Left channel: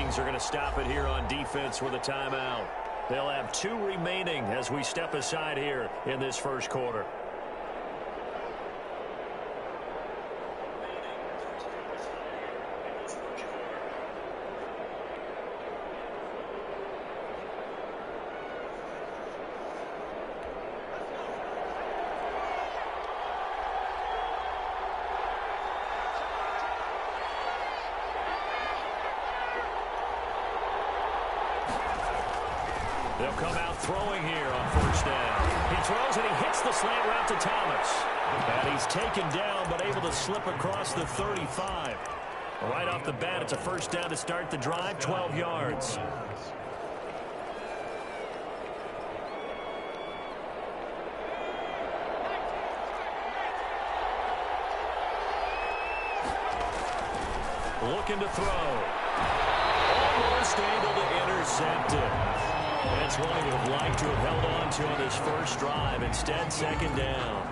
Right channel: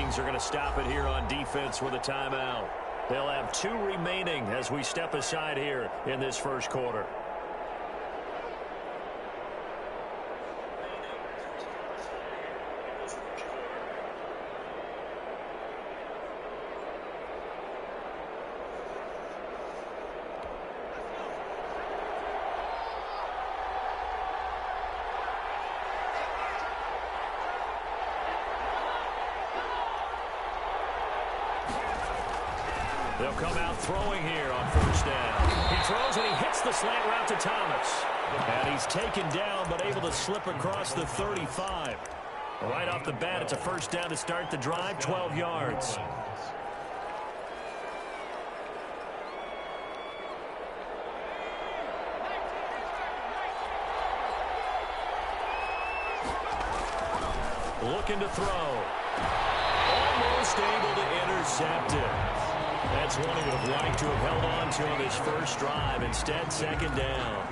Vikings are going to stop it here on defense with a timeout. They'll have 2 remaining as we step aside here in this first quarter. They'll come out throwing here on first down. He throws and he hits the slant route to Thomas. And he's taken down but able to slip across the 35. Right off the bat, it's a first down to start the drive, 12 yards. Looking to throw. Almost able to intercept it. That's one he would have liked to have held on to on this first drive. Instead, second down.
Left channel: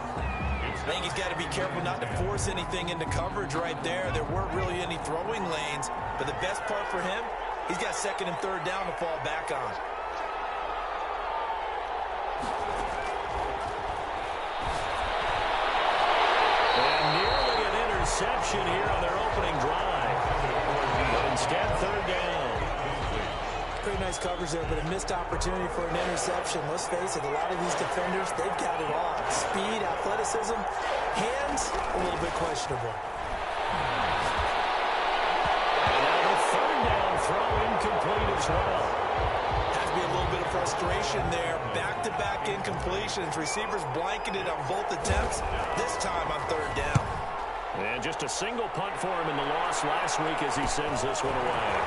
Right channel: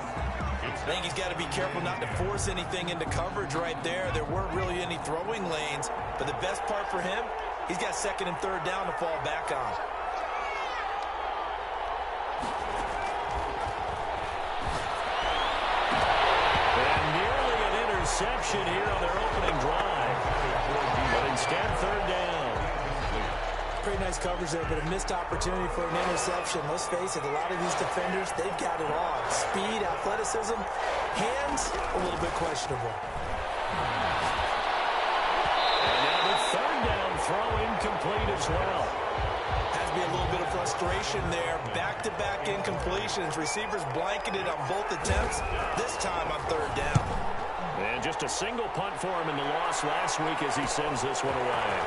I think he's got to be careful not to force anything into coverage right there. There weren't really any throwing lanes. But the best part for him, he's got second and third down to fall back on. And nearly an interception here on their opening drive. But instead, third down. Pretty nice coverage there, but a missed opportunity for an interception. Let's face it, a lot of these defenders, they've got it all. Speed, athleticism, hands, a little bit questionable. And now the third down throw incomplete as well. Has to be a little bit of frustration there. Back-to-back incompletions. Receivers blanketed on both attempts, this time on third down. And just a single punt for him in the loss last week as he sends this one away.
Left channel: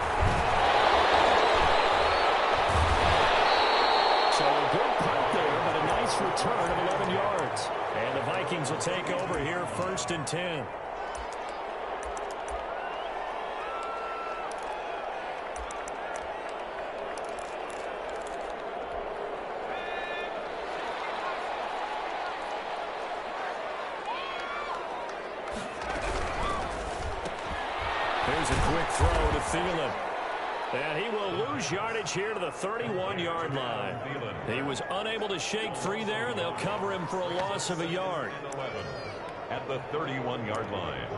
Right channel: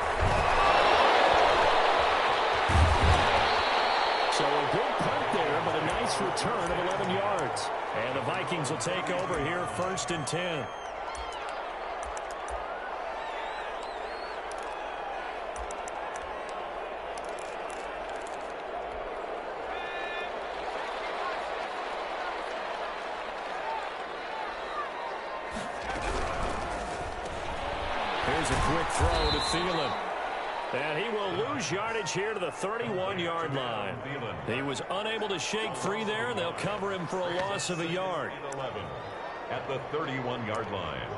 So a good punt there, but a nice return of 11 yards. And the Vikings will take over here, first and 10. Here's a quick throw to Thielen. And he will lose yardage here to the 31-yard line. He was unable to shake free there, and they'll cover him for a loss of a yard. At the 31-yard line.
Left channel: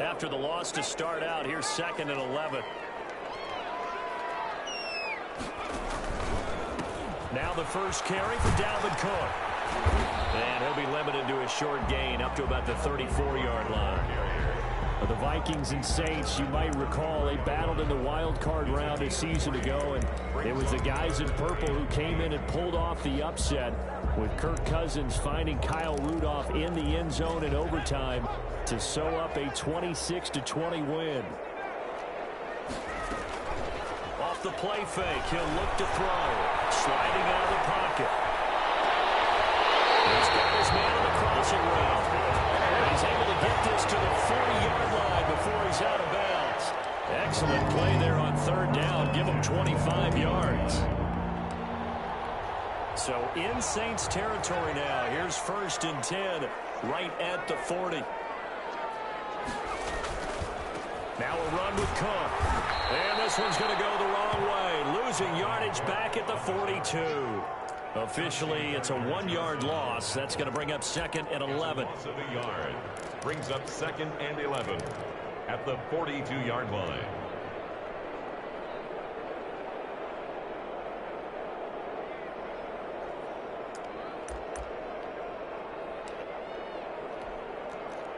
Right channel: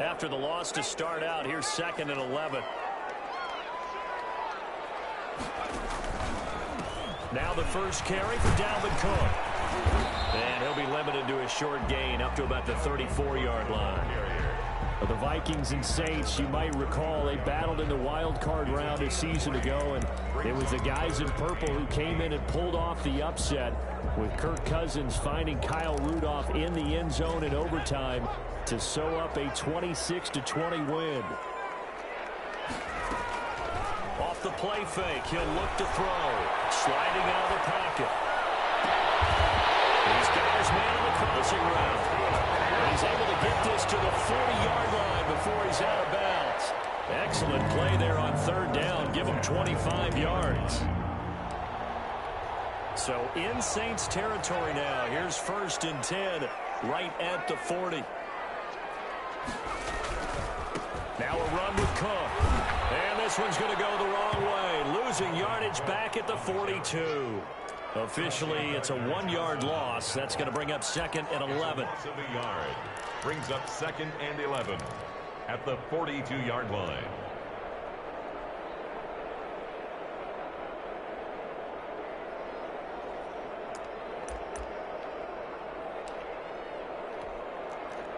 After the loss to start out, here's second and 11. Now the first carry for Dalvin Cook. And he'll be limited to a short gain up to about the 34-yard line. The Vikings and Saints, you might recall, they battled in the wild card round a season ago, and it was the guys in purple who came in and pulled off the upset, with Kirk Cousins finding Kyle Rudolph in the end zone in overtime to sew up a 26-20 win. Off the play fake, he'll look to throw, sliding out of the pocket. He's got his man on the crossing route. And he's able to get this to the 40-yard line before he's out of bounds. Excellent play there on third down. Give him 25 yards. So in Saints territory now. Here's first and 10 right at the 40. Now a run with Cook. And this one's going to go the wrong way. Losing yardage back at the 42. Officially, it's a 1-yard loss. That's going to bring up second and 11. Loss of a yard. Brings up second and 11 at the 42-yard line.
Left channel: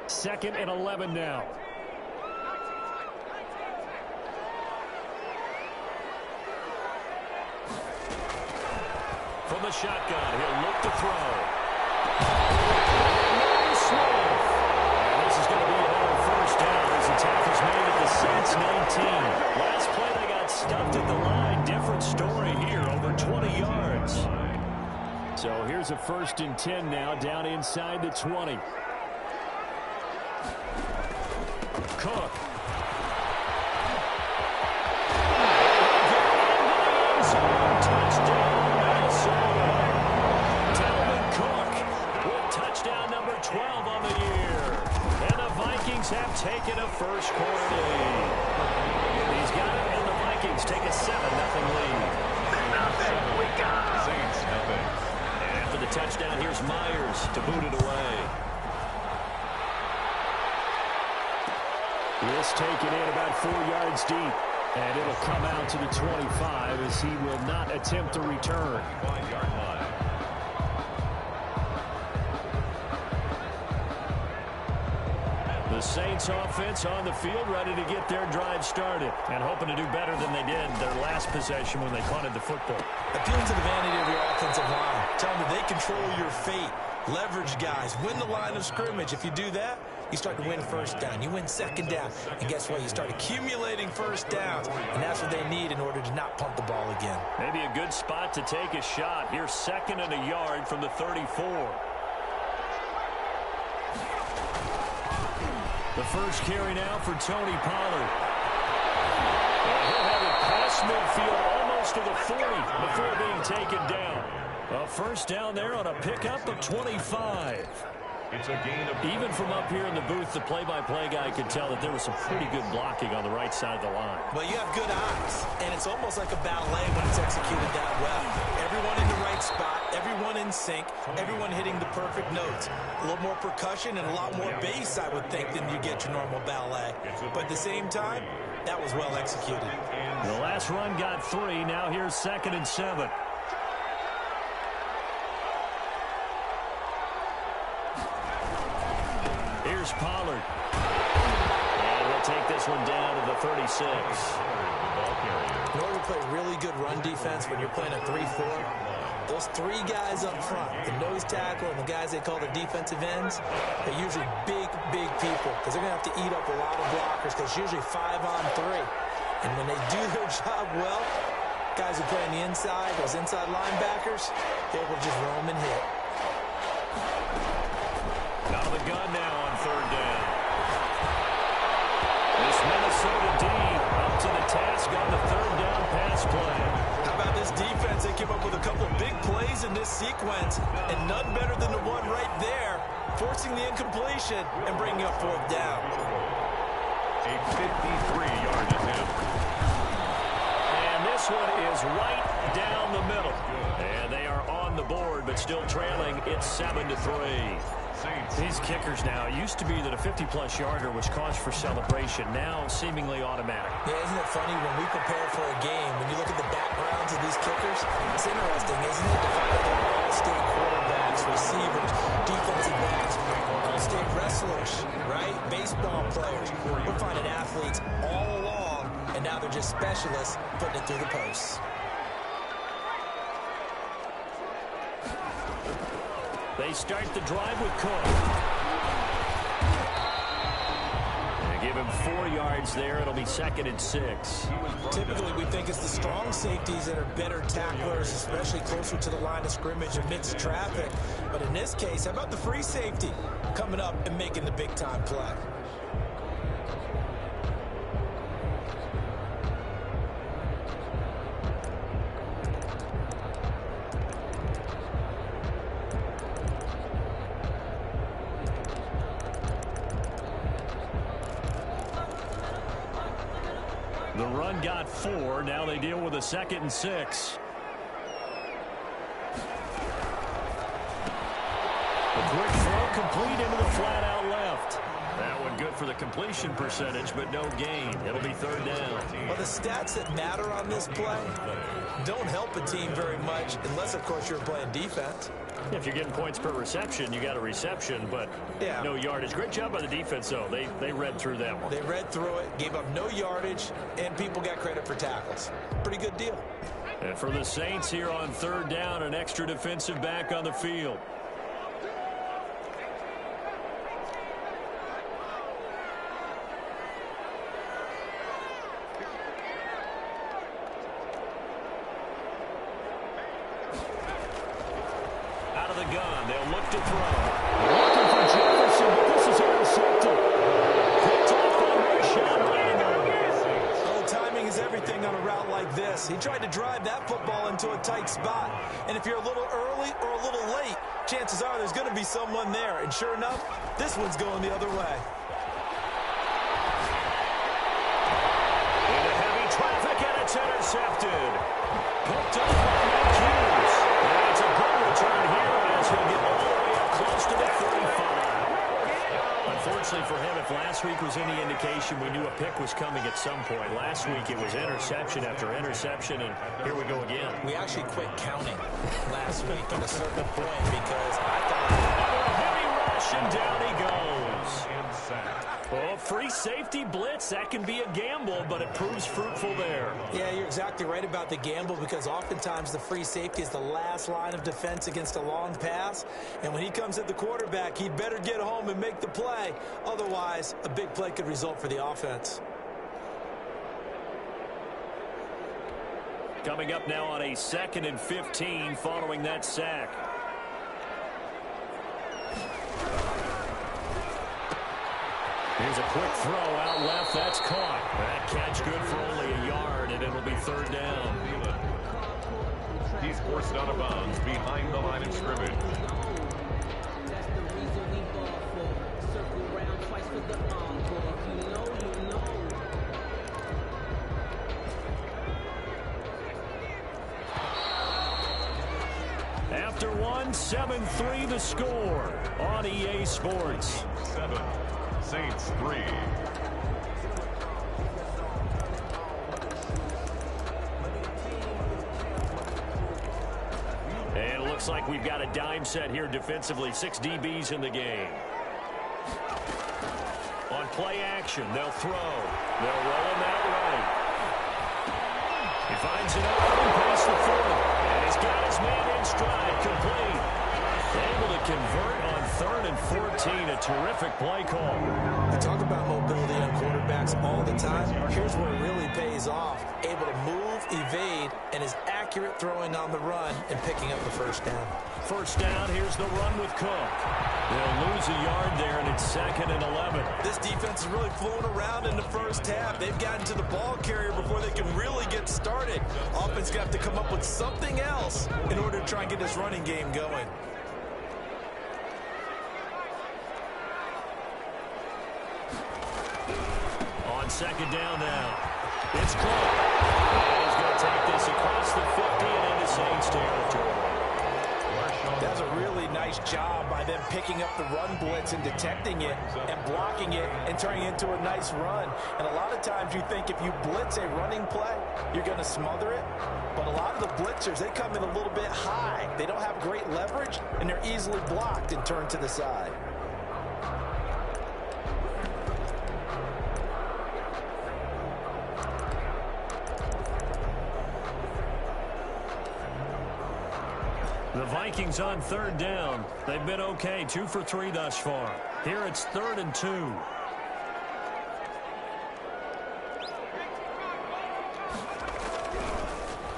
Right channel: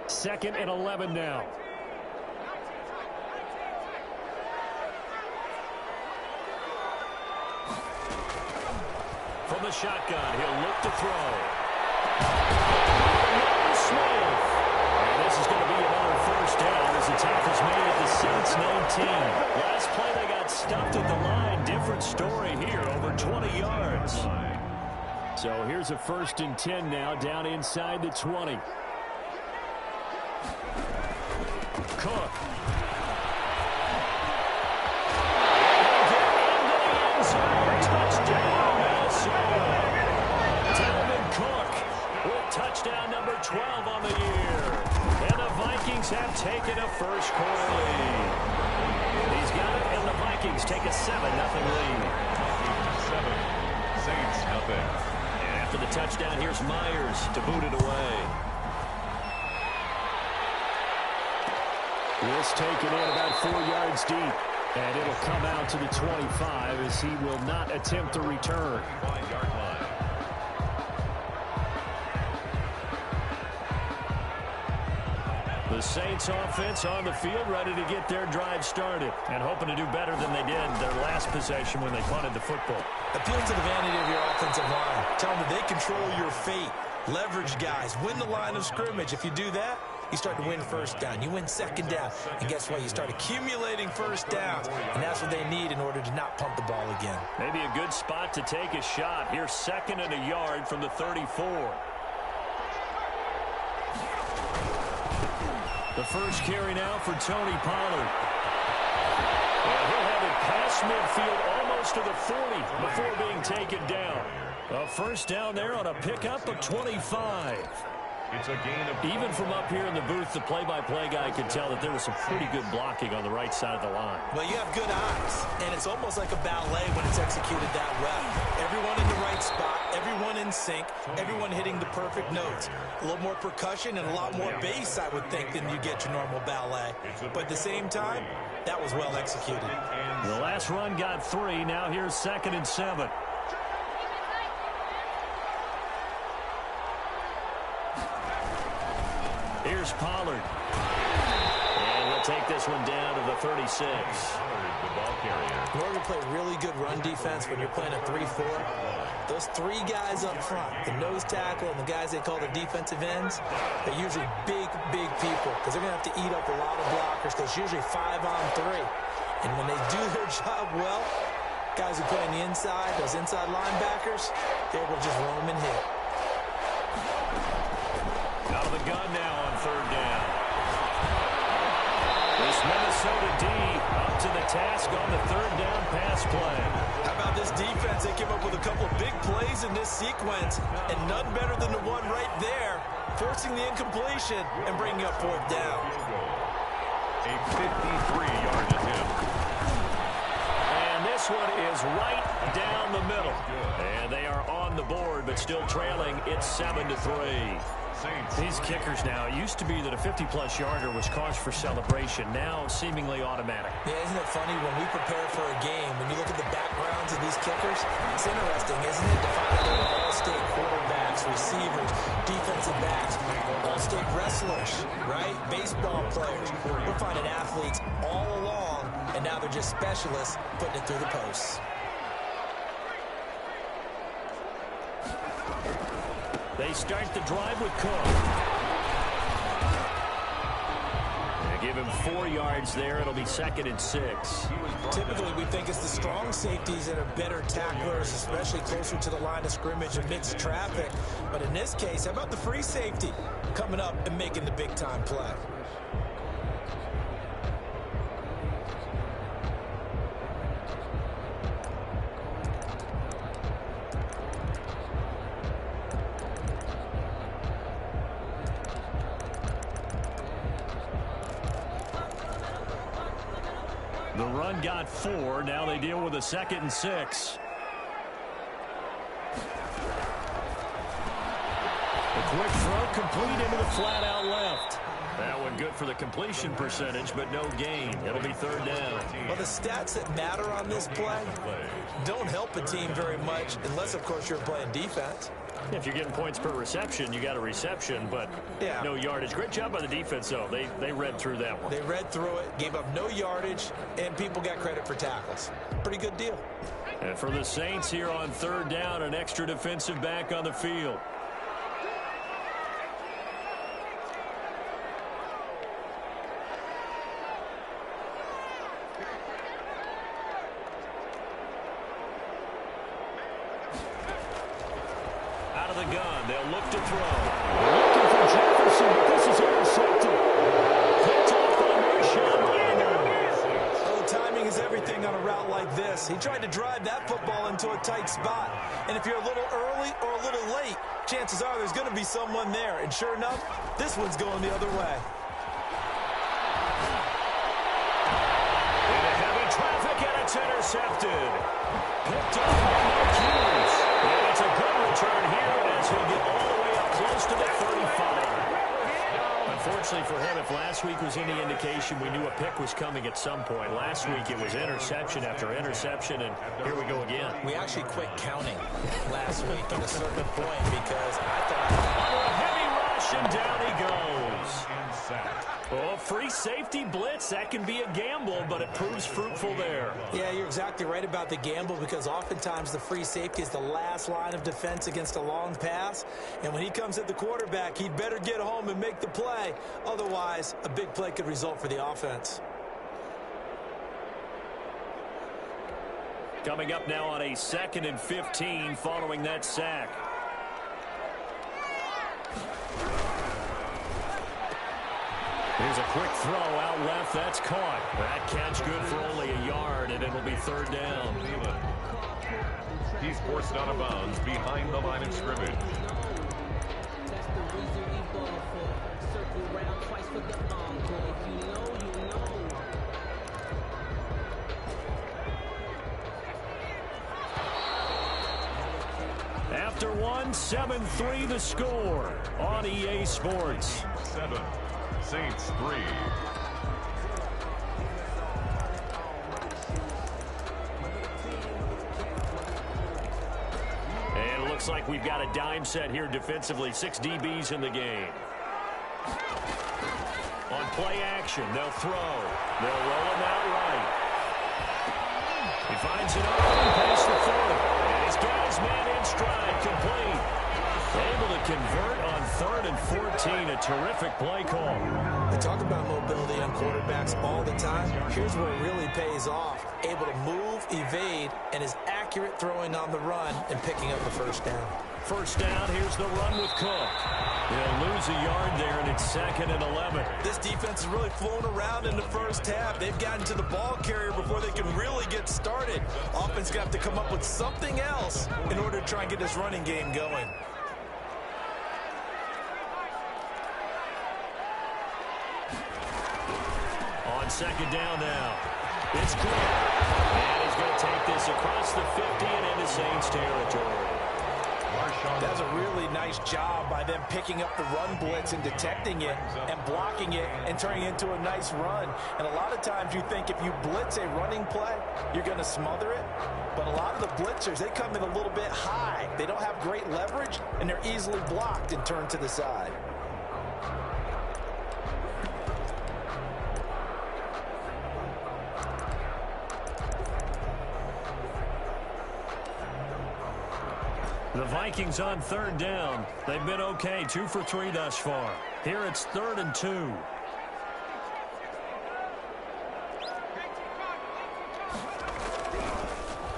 Second and 11 now. From the shotgun, he'll look to throw. Smith. And this is going to be another first down as the tackle's made at the Saints 19. Last play they got stuffed at the line. Different story here, over 20 yards. So here's a first and 10 now, down inside the 20. Cook. Get into the end zone. Touchdown, Minnesota. Dalvin Cook with taken a first quarter lead. He's got it, and the Vikings take a 7-0 lead. 7, Saints nothing. And after the touchdown, here's Myers to boot it away. This taken in about 4 yards deep. And it'll come out to the 25 as he will not attempt to return. 5-yard line. The Saints offense on the field ready to get their drive started and hoping to do better than they did their last possession when they punted the football. Appeal to the vanity of your offensive line. Tell them that they control your fate. Leverage guys. Win the line of scrimmage. If you do that, you start to win first down. You win second down. And guess what? You start accumulating first downs. And that's what they need in order to not punt the ball again. Maybe a good spot to take a shot. Here's 2nd and a yard from the 34. The first carry now for Tony Pollard. And he'll have it past midfield almost to the 40 before being taken down. A first down there on a pickup of 25. It's a gain of... Even from up here in the booth, the play-by-play guy could tell that there was some pretty good blocking on the right side of the line. Well, you have good eyes, and it's almost like a ballet when it's executed that well. Everyone in the right spot, everyone in sync, everyone hitting the perfect notes. A little more percussion and a lot more bass, I would think, than you get your normal ballet. But at the same time, that was well executed. The last run got 3. Now here's 2nd and 7. Here's Pollard. And he'll take this one down to the 36. The ball carrier. In order to play really good run defense when you're playing a 3-4, those 3 guys up front, the nose tackle and the guys they call the defensive ends, they're usually big, big people because they're going to have to eat up a lot of blockers because it's usually 5 on 3. And when they do their job well, guys who play on the inside, those inside linebackers, they're able to just roam and hit. Out of the gun now on 3rd down. This Minnesota D up to the task on the 3rd down pass play. How about this defense? They came up with a couple of big plays in this sequence, and none better than the one right there, forcing the incompletion and bringing up 4th down. A 53-yard attempt. And this one is right down the middle. And they are on the board, but still trailing. It's 7-3. These kickers now, it used to be that a 50-plus yarder was cause for celebration. Now, seemingly automatic. Yeah, isn't it funny when we prepare for a game, when you look at the backgrounds of these kickers, it's interesting, isn't it, to find out they're all-state quarterbacks, receivers, defensive backs, all-state wrestlers, right? Baseball players. We're finding athletes all along, and now they're just specialists putting it through the posts. They start the drive with Cook. They give him 4 yards there. It'll be 2nd and 6. Typically, we think it's the strong safeties that are better tacklers, especially closer to the line of scrimmage amidst traffic. But in this case, how about the free safety coming up and making the big-time play? The run got 4. Now they deal with a 2nd and 6. The quick throw complete into the flat out left. That one good for the completion percentage, but no gain. It'll be 3rd down. Well, the stats that matter on this play don't help a team very much unless, of course, you're playing defense. If you're getting points per reception, you got a reception, but no yardage. Great job by the defense, though. They read through that one. They read through it, gave up no yardage, and people got credit for tackles. Pretty good deal. And for the Saints here on 3rd down, an extra defensive back on the field. Out of the gun, they'll look to throw. Looking for Jefferson, but this is intercepted. Picked off on Rashawn Lattimore. Oh, timing is everything on a route like this. He tried to drive that football into a tight spot. And if you're a little early or a little late, chances are there's going to be someone there. And sure enough, this one's going the other way. traffic, and it's intercepted. Picked up by no cues. And it's a good return here as he'll get all the way up close to the 35. Unfortunately for him, if last week was any indication, we knew a pick was coming at some point. Last week it was interception after interception, and here we go again. We actually quit counting last week at a certain point because I thought... Under a heavy rush, and down he goes. Oh, free safety blitz. That can be a gamble, but it proves fruitful there. Yeah, you're exactly right about the gamble because oftentimes the free safety is the last line of defense against a long pass. And when he comes at the quarterback, he'd better get home and make the play. Otherwise, a big play could result for the offense. Coming up now on a 2nd and 15 following that sack. Here's a quick throw out left. That's caught. That catch good for only a yard, and it'll be 3rd down. He's forced out of bounds behind the line of scrimmage. That's the reason we ball for. Circle round twice for the encore. If you know, you know. After one, 7-3 the score on EA Sports. 7, Saints 3. And it looks like we've got a dime set here defensively. 6 DBs in the game. On play action, they'll throw. They'll roll him out right. He finds it open past the 40. And he's got his man in stride, complete. Able to convert on 3rd and 14. A terrific play call. I talk about mobility on quarterbacks all the time. Here's where it really pays off. Able to move, evade, and is accurate throwing on the run and picking up a 1st down. 1st down, here's the run with Cook. They'll lose a yard there, and it's 2nd and 11. This defense is really flown around in the first half. They've gotten to the ball carrier before they can really get started. Offense got to come up with something else in order to try and get this running game going. On 2nd down now, it's Cook. And he's going to take this across the 50 and into Saints territory. That's a really nice job by them picking up the run blitz and detecting it and blocking it and turning it into a nice run. And a lot of times you think if you blitz a running play, you're going to smother it. But a lot of the blitzers, they come in a little bit high. They don't have great leverage, and they're easily blocked and turned to the side. The Vikings on 3rd down. They've been okay, 2 for 3 thus far. Here it's 3rd and 2.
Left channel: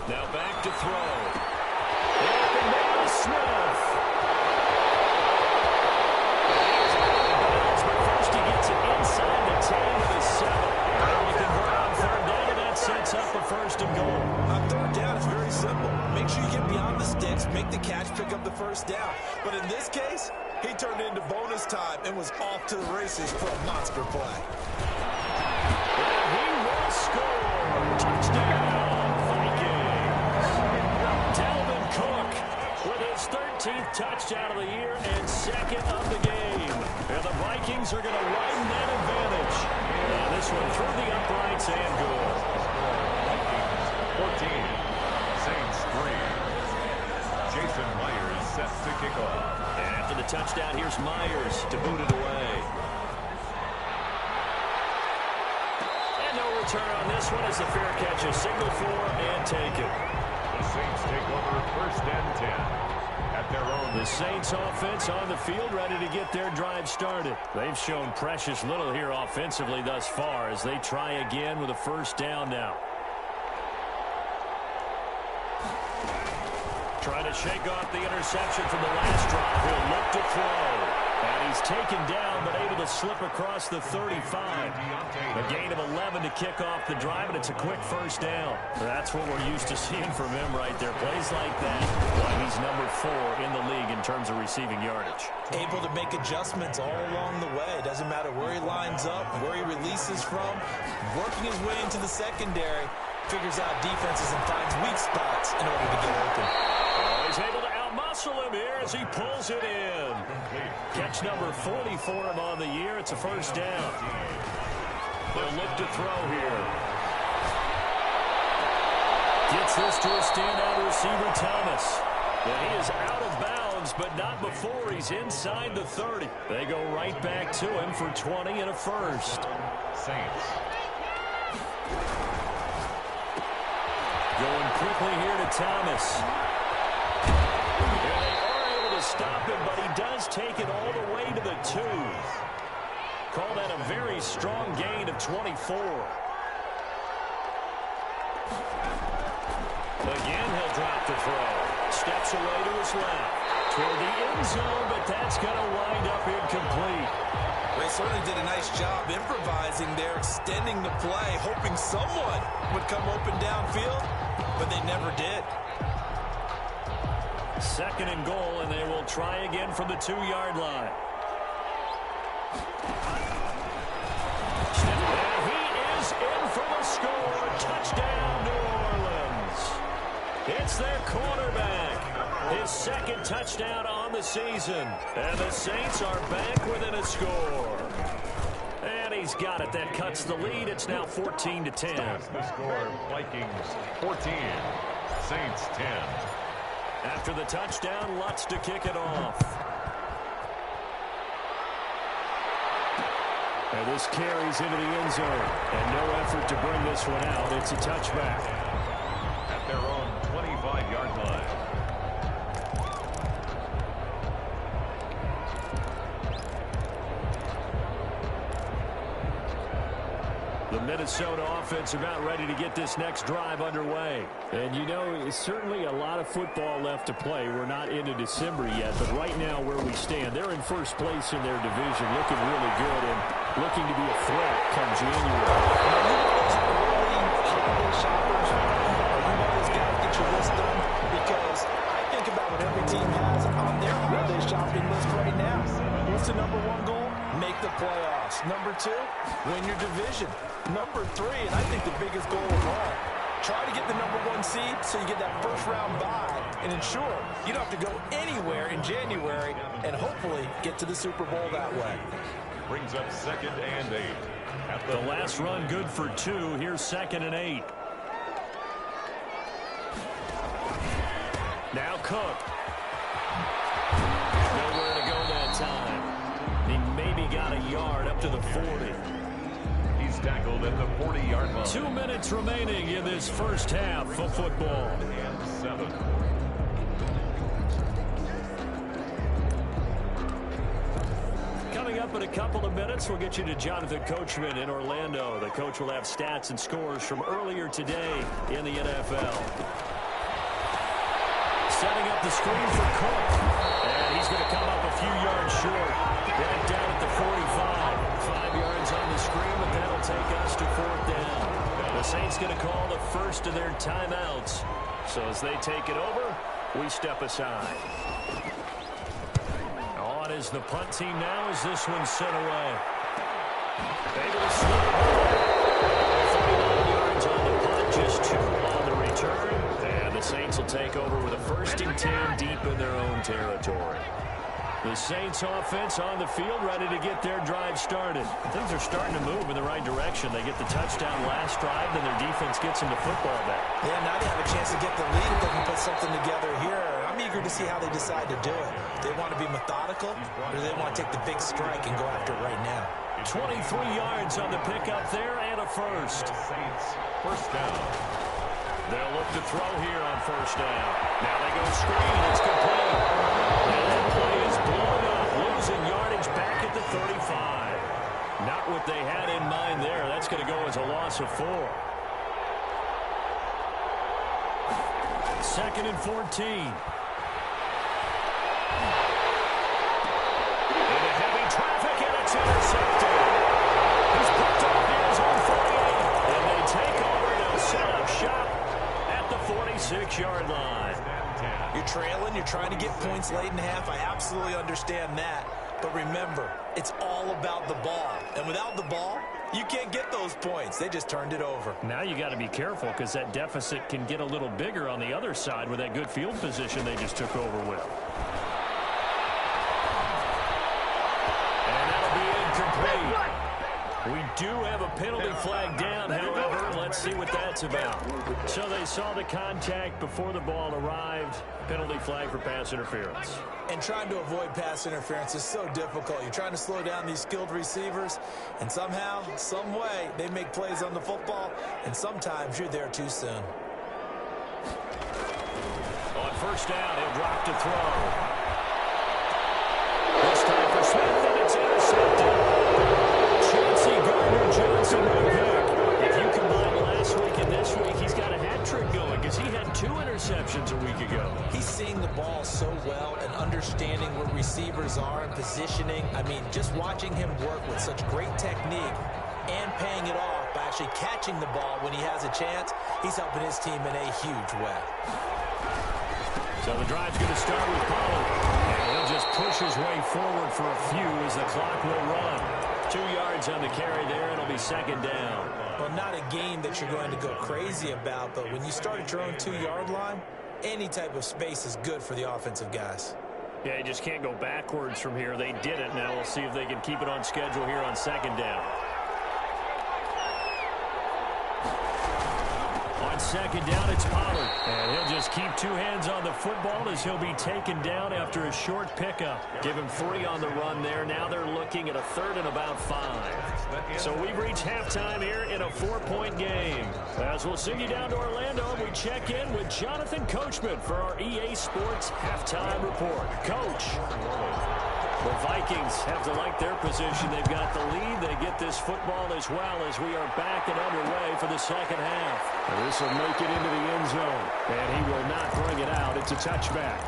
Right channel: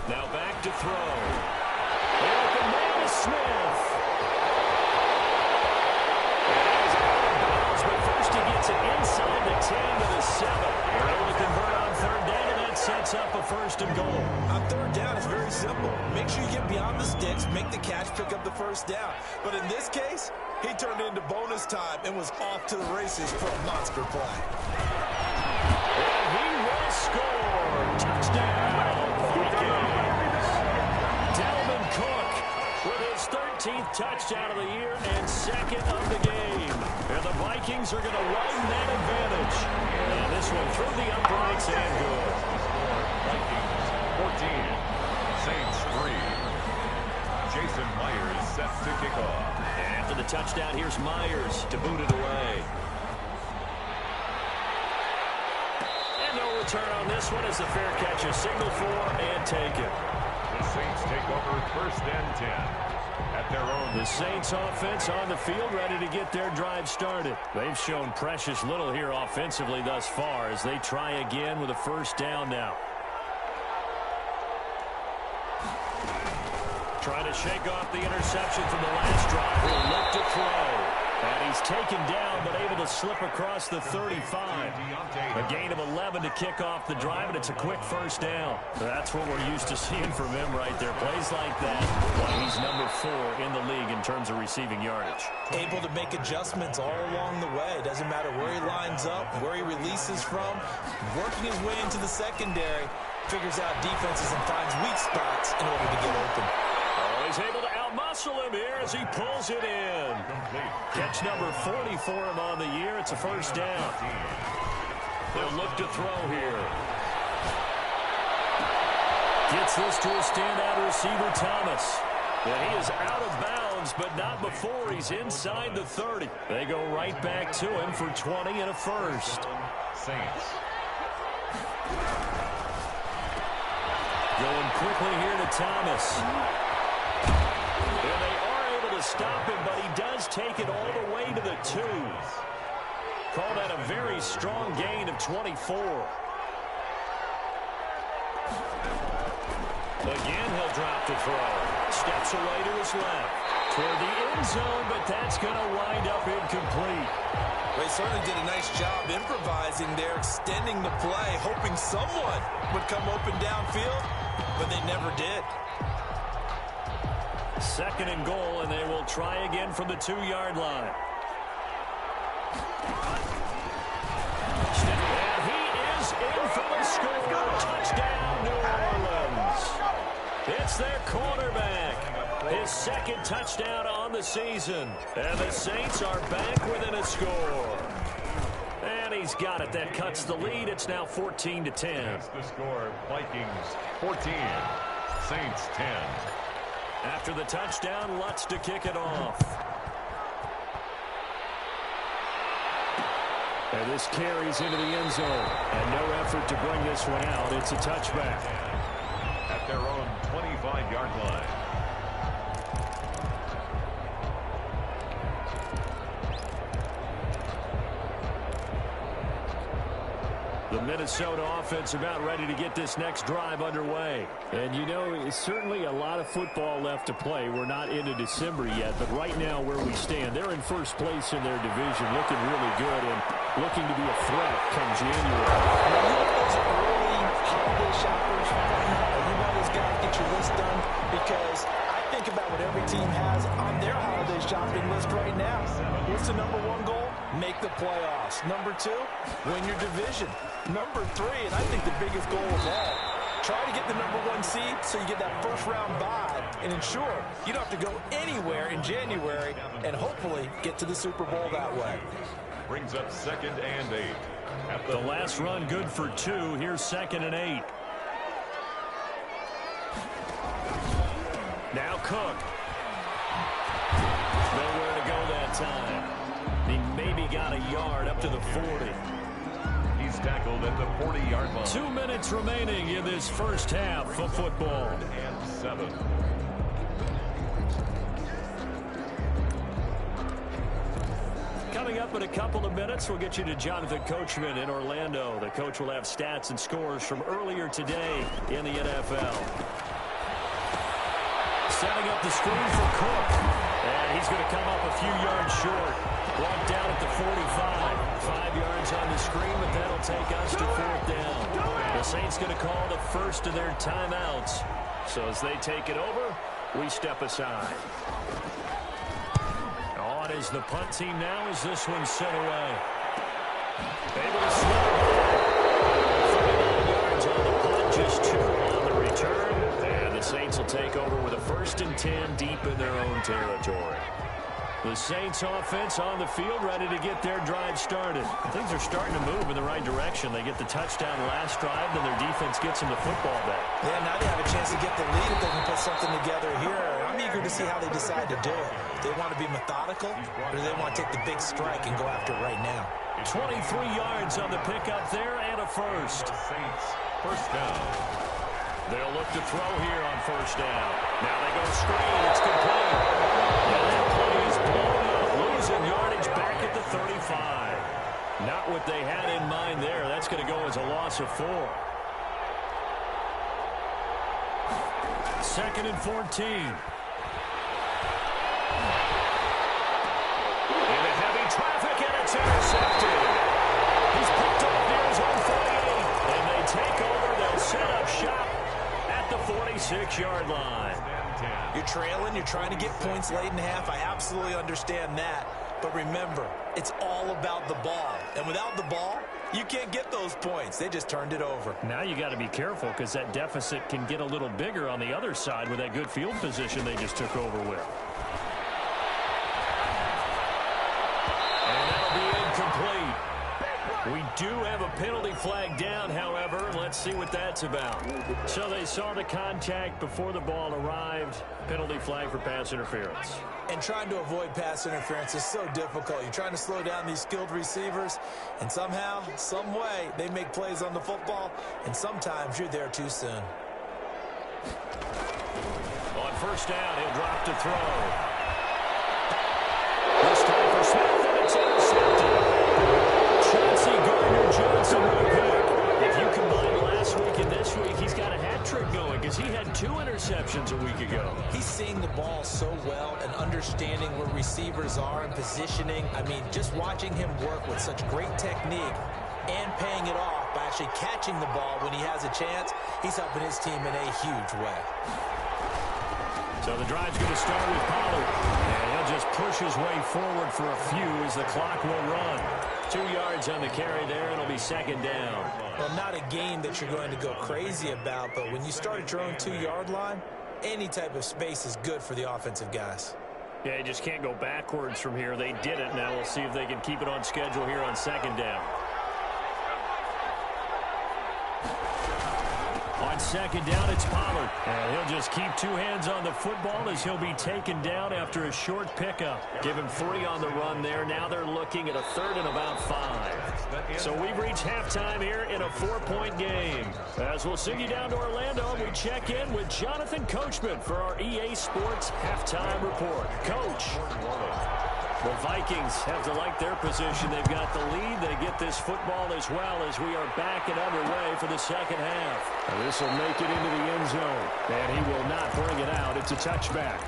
Now back to throw. The open man is Smith. And he is out of bounds, but first he gets it inside the 10 to the 7. They're able to convert on 3rd down, and that sets up a 1st and goal. On 3rd down, it's very simple. Make sure you get beyond the sticks, make the catch, pick up the 1st down. But in this case, he turned into bonus time and was off to the races for a monster play. And he will score. Touchdown, Vikings. Dalvin Cook with his 13th touchdown of the year and 2nd of the game. And the Vikings are going to widen that advantage. And this one through the uprights and good. Vikings 14, Saints 3. Jason Myers set to kick off. And after the touchdown, here's Myers to boot it away. And no return on this one as the fair catch is signaled for and taken. The Saints take over 1st and 10 at their own. The Saints offense on the field, ready to get their drive started. They've shown precious little here offensively thus far as they try again with a 1st down now. Trying to shake off the interception from the last drive. He'll look to throw. And he's taken down, but able to slip across the 35. A gain of 11 to kick off the drive, and it's a quick first down. That's what we're used to seeing from him right there. Plays like that, why he's number 4 in the league in terms of receiving yardage. Able to make adjustments all along the way. Doesn't matter where he lines up, where he releases from. Working his way into the secondary, figures out defenses and finds weak spots in order to get open. Oh, he's able to outmuscle him here as he pulls it in. Catch number 40 for him on the year. It's a first down. They'll look to throw here. Gets this to a standout receiver, Thomas. And he is out of bounds, but not before he's inside the 30. They go right back to him for 20 and a first. Saints. Going quickly here to Thomas. And they are able to stop him, but he does take it all the way to the 2. Call that a very strong gain of 24. Again, he'll drop the throw. Steps away to his left. Toward the end zone, but that's going to wind up incomplete. They certainly did a nice job improvising there, extending the play, hoping someone would come open downfield, but they never did. Second and goal, and they will try again from the 2-yard line. And he is in for the score. Touchdown, New Orleans. It's their quarterback. His second touchdown on the season. And the Saints are back within a score. And he's got it. That cuts the lead. It's now 14-10. That's the score. Vikings 14. Saints 10. After the touchdown, Lutz to kick it off. And this carries into the end zone. And no effort to bring this one out. It's a touchback. At their own 25-yard line. The Minnesota offense about ready to get this next drive underway. And you know, it's certainly a lot of football left to play. We're not into December yet, but right now where we stand, they're in first place in their division, looking really good and looking to be a threat come January. Are you one of those early holiday shoppers? Are you one of those guys get your list done? Because I think about what every team has on their holiday shopping list right now. What's the number 1 goal? Make the playoffs. Number 2, win your division. Number 3, and I think the biggest goal of all, try to get the number 1 seed so you get that first-round bye and ensure you don't have to go anywhere in January and hopefully get to the Super Bowl that way. Brings up 2nd and 8. At The last run good for 2. Here's 2nd and 8. Now Cook. Nowhere to go that time. He maybe got a yard up to the 40. He's tackled at the 40-yard line. 2 minutes remaining in this first half of football. And 7. Coming up in a couple of minutes, we'll get you to Jonathan Coachman in Orlando. The coach will have stats and scores from earlier today in the NFL. Setting up the screen for Cook. And he's going to come up a few yards short. Brought down at the 45. 5 yards on the screen, but that'll take us to 4th down. The Saints going to call the first of their timeouts. So as they take it over, we step aside. On is the punt team now as this one's sent away. Able to slip it by. 39 yards on the punt, just 2 on the return. And the Saints will take over with a 1st and 10 deep in their own territory. The Saints offense on the field ready to get their drive started. Things are starting to move in the right direction. They get the touchdown last drive, then their defense gets them the football back. Yeah, now they have a chance to get the lead if they can put something together here. I'm eager to see how they decide to do it. Do they want to be methodical, or do they want to take the big strike and go after it right now? 23 yards on the pickup there and a first. Saints, 1st down. They'll look to throw here on 1st down. Now they go screen. It's complete. And that play is blown up. Losing yardage back at the 35. Not what they had in mind there. That's going to go as a loss of 4. 2nd and 14. In the It's intercepted. He's picked off near his own 48. And they take over. They'll set up shop at the 46-yard line. You're trailing. You're trying to get points late in the half. I absolutely understand that. But remember, it's all about the ball. And without the ball, you can't get those points. They just turned it over. Now you got to be careful because that deficit can get a little bigger on the other side with that good field position they just took over with. And that'll be incomplete. We do have a penalty flag down, however. Let's see what that's about. So they saw the contact before the ball arrived. Penalty flag for pass interference. And trying to avoid pass interference is so difficult. You're trying to slow down these skilled receivers, and somehow, some way, they make plays on the football, and sometimes you're there too soon. On first down, he'll drop to throw. This time for Smith, and it's intercepted. Chauncey Gardner-Johnson with a pick. If you combine last week and this week, he's got a hat trick going because he had 2 interceptions a week ago. He's seeing the ball so well and understanding where receivers are and positioning. I mean, just watching him work with such great technique and paying it off by actually catching the ball when he has a chance, he's helping his team in a huge way. So the drive's going to start with Pollard. And he'll just push his way forward for a few as the clock will run. 2 yards on the carry there. It'll be second down. Well, not a game that you're going to go crazy about, but when you start at your own 2-yard line, any type of space is good for the offensive guys. Yeah, you just can't go backwards from here. They did it. Now we'll see if they can keep it on schedule here on second down. On second down, it's Pollard. And he'll just keep 2 hands on the football as he'll be taken down after a short pickup. Give him 3 on the run there. Now they're looking at a 3rd and about 5. So we've reached halftime here in a 4-point game. As we'll send you down to Orlando, we check in with Jonathan Coachman for our EA Sports Halftime Report. Coach. The Vikings have to like their position. They've got the lead. They get this football as well as we are back and underway for the second half. This will make it into the end zone. And he will not bring it out. It's a touchback.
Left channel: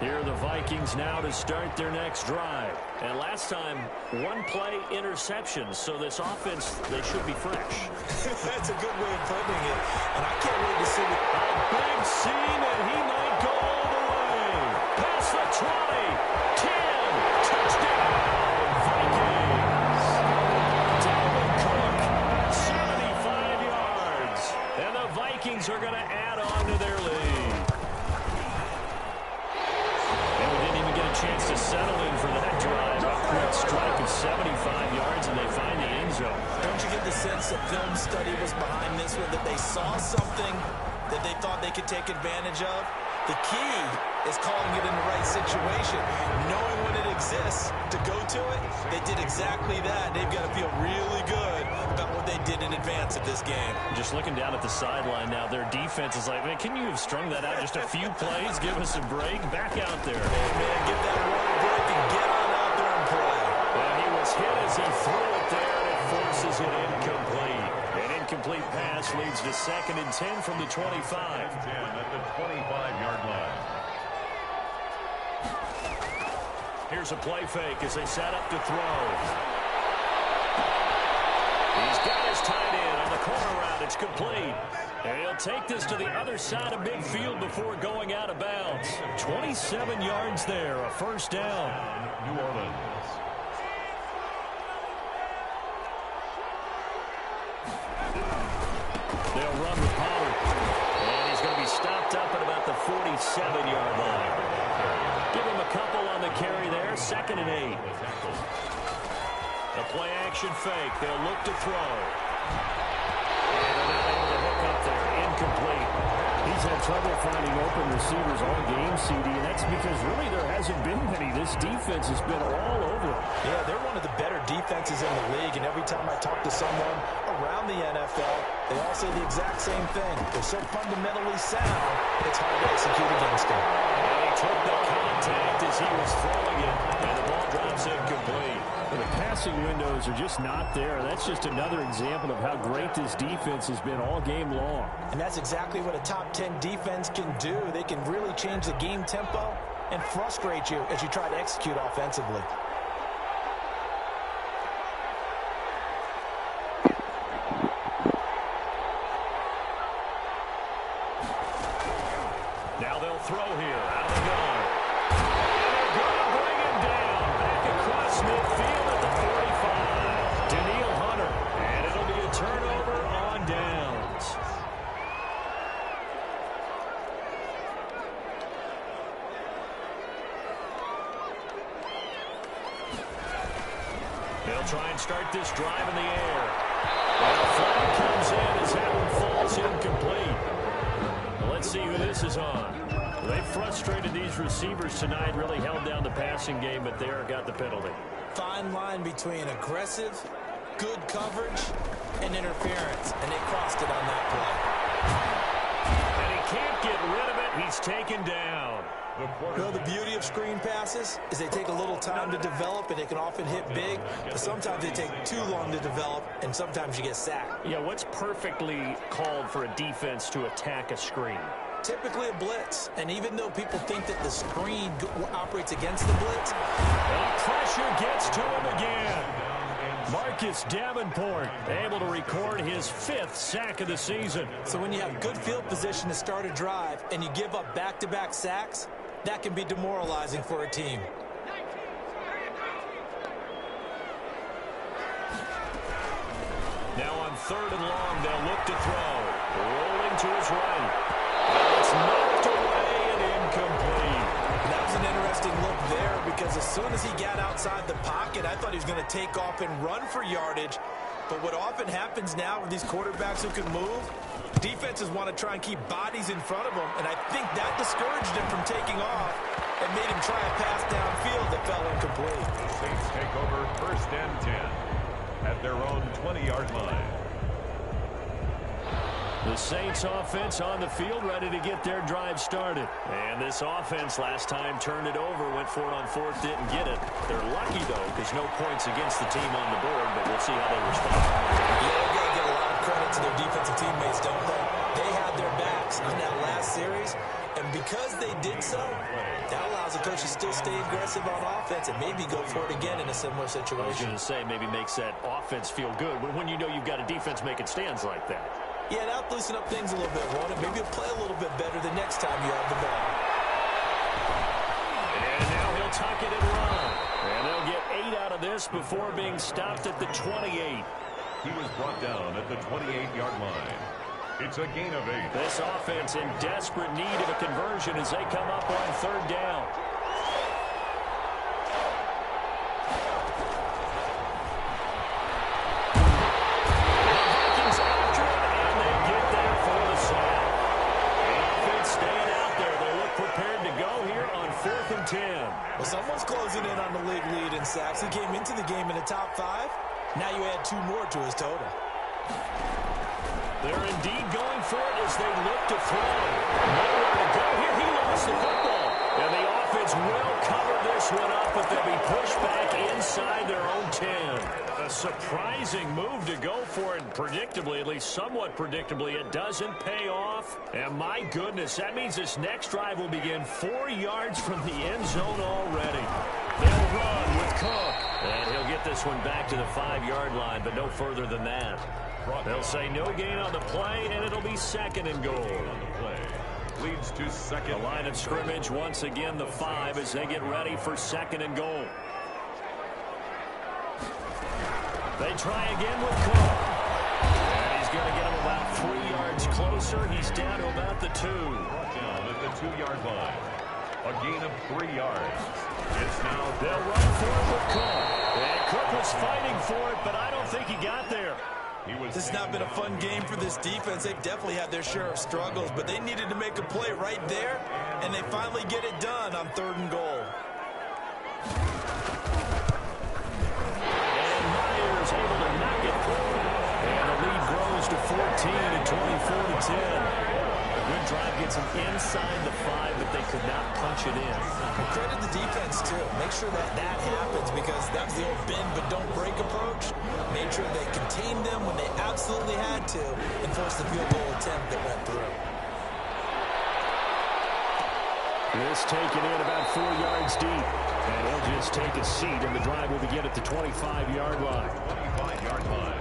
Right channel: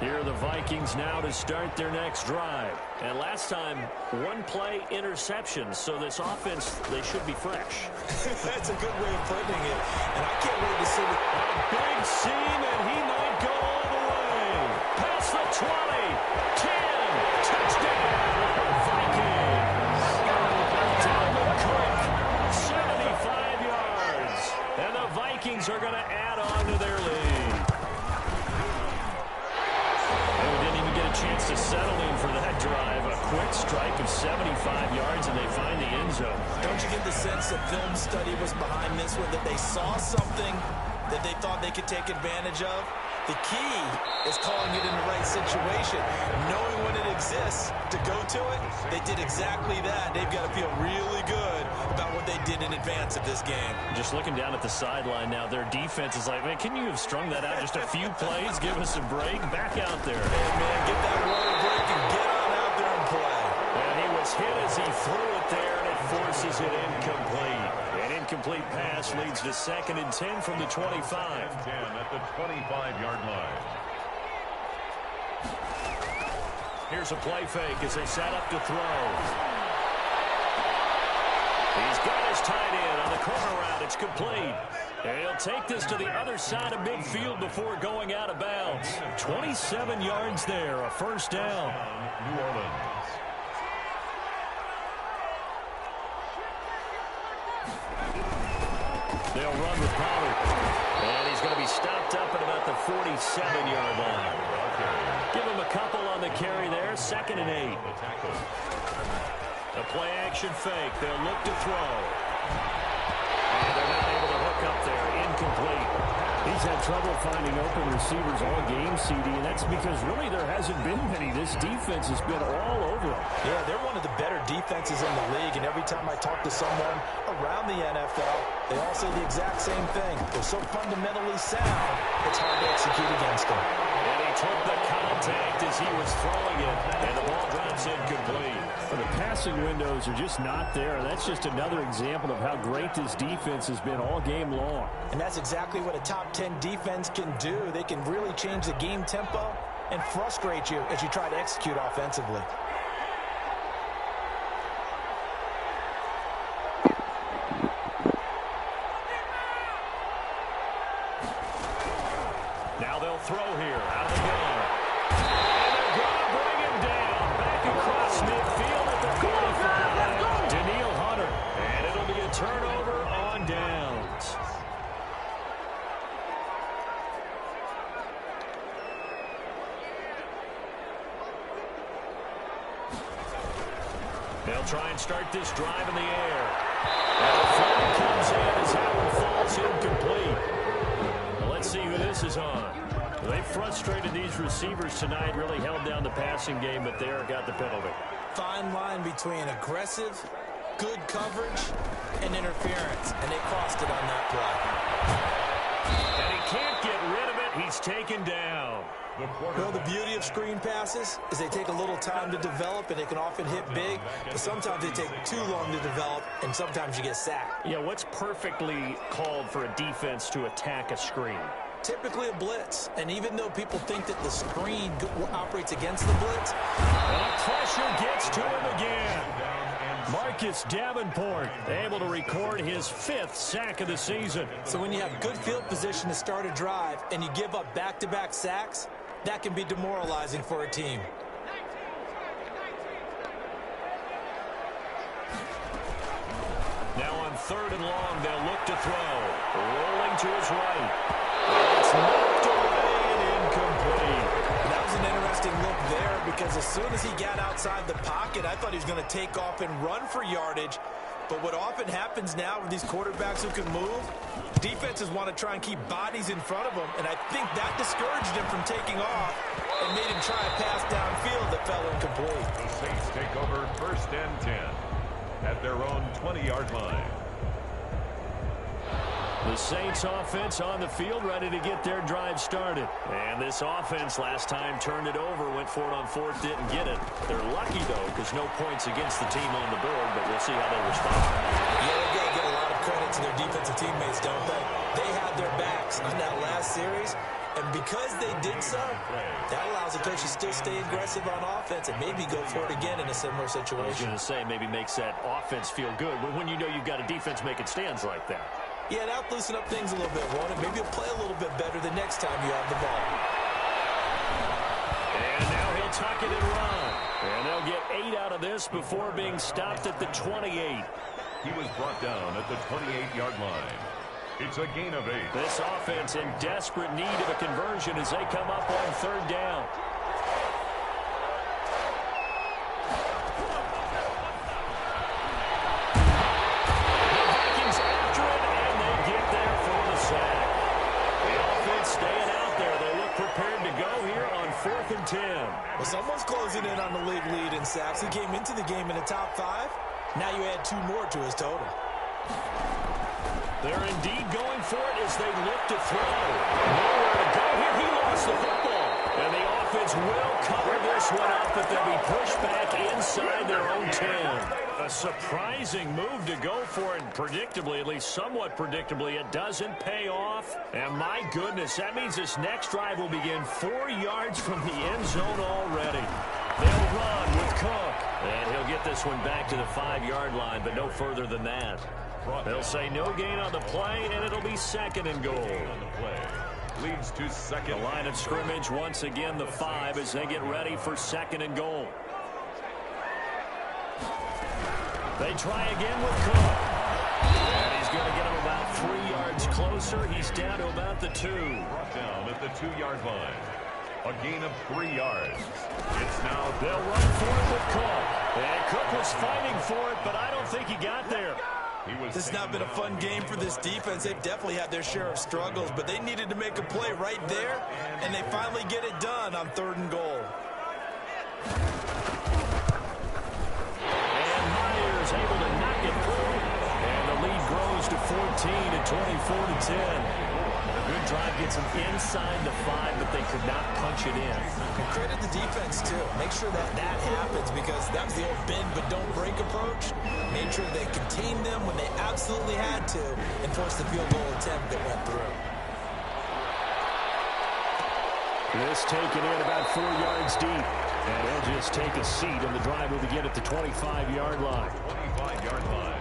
Here are the Vikings now to start their next drive. And last time, 1-play interceptions. So this offense, they should be fresh. That's a good way of putting it. And I can't wait to see it. A big seam, and he might go all the way. Past the 20, 10, touchdown, Vikings. Dalvin Cook, 75 yards. And the Vikings are going to add on to their lead. And we didn't even get a chance to settle in for that drive. A quick strike of 75 yards, and they find the end zone. Don't you get the sense that film study was behind this one, that they saw something that they thought they could take advantage of? The key is calling it in the right situation. Knowing when it exists to go to it, they did exactly that. They've got to feel really good about what they did in advance of this game. Just looking down at the sideline now, their defense is like, man, can you have strung that out just a few plays? Give us a break. Back out there. Hey, man, get that water break and get on out there and play. Well, he was hit as he threw it there, and it forces it incomplete. An incomplete pass leads to 2nd and 10 from the 25. 10 at the 25-yard line. Here's a play fake as they set up to throw. He's got his tight end on the corner route. It's complete. And he'll take this to the other side of midfield before going out of bounds. 27 yards there, a first down. New Orleans. They'll run with Pollard. And he's going to be stopped up at about the 47-yard line. Give him a couple on the carry there. 2nd and 8. A play action fake. They'll look to throw. And they're not able to hook up there. Incomplete. He's had trouble finding open receivers all game, CD, and that's because really there hasn't been many. This defense has been all over them. Yeah, they're one of the better defenses in the league, and every time I talk to someone around the NFL, they all say the exact same thing. They're so fundamentally sound, it's hard to execute against them. And he took the contact as he was throwing it, and the ball drops incomplete. Well, the passing windows are just not there. That's just another example of how great this defense has been all game long. And that's exactly what a top 10 defense can do. They can really change the game tempo and frustrate you as you try to execute offensively. Now they'll throw here out of the gun. And they're going to bring him down back across midfield at the 45. Daniil Hunter. And it'll be a turnover on downs. They'll try and start this drive in the air. And a flag comes in as that one falls incomplete. Well, let's see who this is on. They frustrated these receivers tonight, really held down the passing game, but there got the penalty. Fine line between aggressive, good coverage, and interference, and they crossed it on that play. And he can't get rid of it. He's taken down. Well, the beauty of screen passes is they take a little time to develop, and they can often hit big, but sometimes they take too long to develop, and sometimes you get sacked. Yeah, what's perfectly called for a defense to attack a screen? Typically a blitz, and even though people think that the screen operates against the blitz, the pressure gets to him again. Marcus Davenport able to record his 5th sack of the season. So when you have good field position to start a drive and you give up back-to-back sacks, that can be demoralizing for a team. Now on 3rd and long, they'll look to throw. Rolling to his right. And it's knocked away and incomplete. That was an interesting look there because as soon as he got outside the pocket, I thought he was going to take off and run for yardage. But what often happens now with these quarterbacks who can move, defenses want to try and keep bodies in front of them, and I think that discouraged him from taking off and made him try a pass downfield that fell incomplete. The Saints take over 1st and 10 at their own 20-yard line. The Saints offense on the field, ready to get their drive started. And this offense last time turned it over, went for it on 4th, didn't get it. They're lucky, though, because no points against the team on the board, but we'll see how they respond. Yeah, they got to give a lot of credit to their defensive teammates, don't they? They had their backs on that last series, and because they did so, that allows the coach to still stay aggressive on offense and maybe go for it again in a similar situation. I was going to say, maybe makes that offense feel good, but when you know you've got a defense making stands like that. Yeah, that'll loosen up things a little bit, won't it? Maybe you'll play a little bit better the next time you have the ball. And now he'll tuck it and run. And they'll get 8 out of this before being stopped at the 28. He was brought down at the 28-yard line. It's a gain of 8. This offense in desperate need of a conversion as they come up on 3rd down. Staying out there. They look prepared to go here on 4th and 10. Well, someone's closing in on the league lead in sacks. He came into the game in the top 5. Now you add 2 more to his total. They're indeed going for it as they look to throw. Nowhere to go here. He lost the football. And the offense will cover this one up, but they'll be pushed back inside their own 10. A surprising move to go for it, and predictably, at least somewhat predictably, it doesn't pay off. And my goodness, that means this next drive will begin 4 yards from the end zone already. They'll run with Cook. And he'll get this one back to the 5-yard line, but no further than that. They'll say no gain on the play, and it'll be 2nd and goal. On the play leads to 2nd. The line of scrimmage, once again, the 5 as they get ready for 2nd and goal. They try again with Cook. And he's going to get him about 3 yards closer. He's down to about the 2. Brought down at the 2-yard line. A gain of 3 yards. It's now they'll run for it with Cook. And Cook was fighting for it, but I don't think he got there. This has not been a fun game for this defense. They've definitely had their share of struggles, but they needed to make a play right there, and they finally get it done on 3rd and goal. And Myers able to knock it through. And the lead grows to 14 at 24-10. good drive gets them inside the 5, but they could not punch it in. And credit the defense, too. Make sure that happens, because that was the old bend but don't break approach. Made sure they contained them when they absolutely had to and forced the field goal attempt that went through. This taken in about 4 yards deep. And he'll just take a seat, and the drive will begin at the 25-yard line. 25-yard line.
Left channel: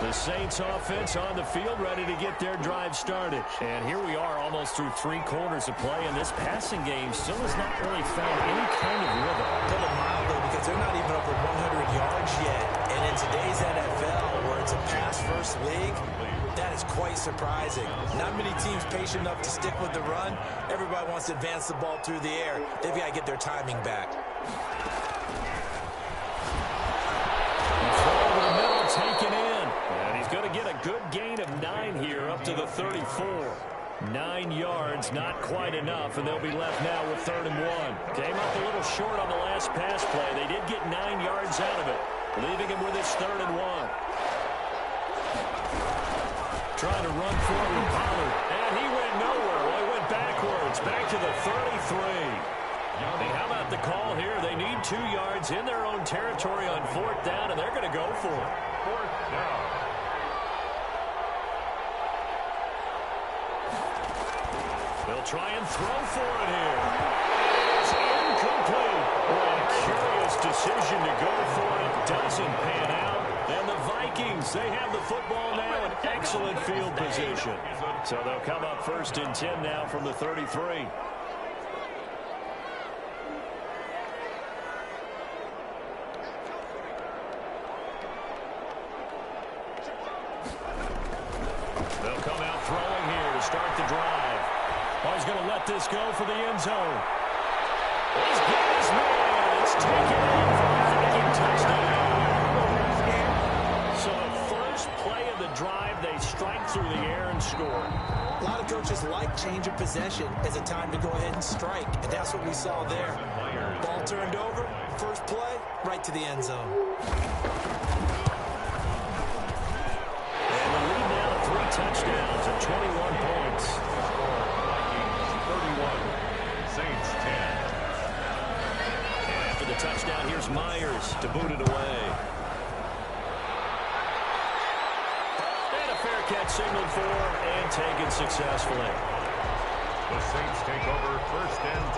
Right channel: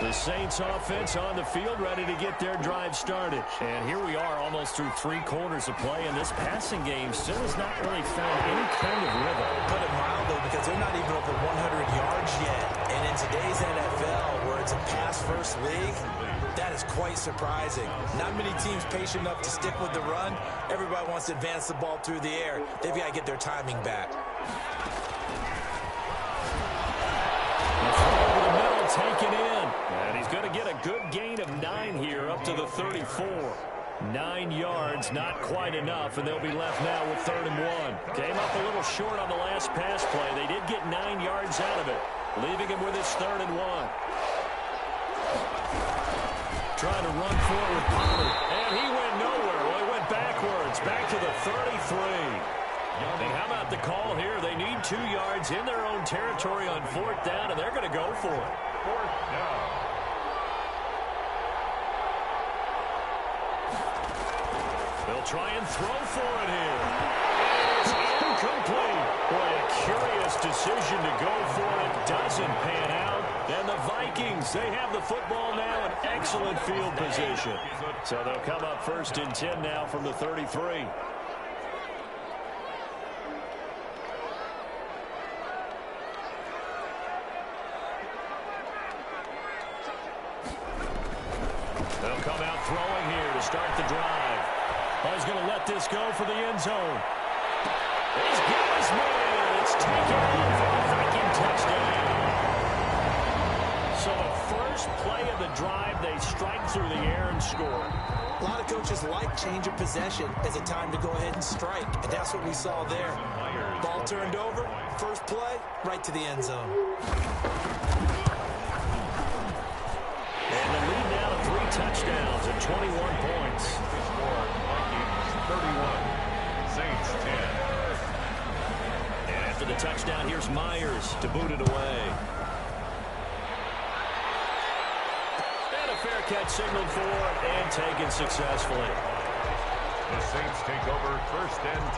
The Saints offense on the field, ready to get their drive started. And here we are almost through 3 quarters of play, and this passing game still has not really found any kind of rhythm. Put it mildly, because they're not even over 100 yards yet. And in today's NFL, where it's a pass-first league, that is quite surprising. Not many teams patient enough to stick with the run. Everybody wants to advance the ball through the air. They've got to get their timing back. Taken in, and he's going to get a good gain of 9 here up to the 34. 9 yards, not quite enough, and they'll be left now with 3rd and 1. Came up a little short on the last pass play. They did get 9 yards out of it, leaving him with his 3rd and 1. Trying to run forward with Pollard, and he went nowhere. Well, he went backwards, back to the 33. And how about the call here? They need 2 yards in their own territory on 4th down, and they're going to go for it. 4th down. They'll try and throw for it here. And it is incomplete. Boy, a curious decision to go for it. Doesn't pan out. And the Vikings, they have the football now in excellent field position. So they'll come up 1st and 10 now from the 33. They'll come out throwing here to start the drive. Oh, he's going to let this go for the end zone. He's got his man. It's taken in for a Viking touchdown. So the first play of the drive, they strike through the air and score. A lot of coaches like change of possession as a time to go ahead and strike, and that's what we saw there. Ball turned over, first play, right to the end zone. And the lead now to 3 touchdowns and 21 points. Score, Vikings 31, Saints 10. And after the touchdown, here's Myers to boot it away. And a fair catch signaled for and taken successfully. The Saints take over 1st and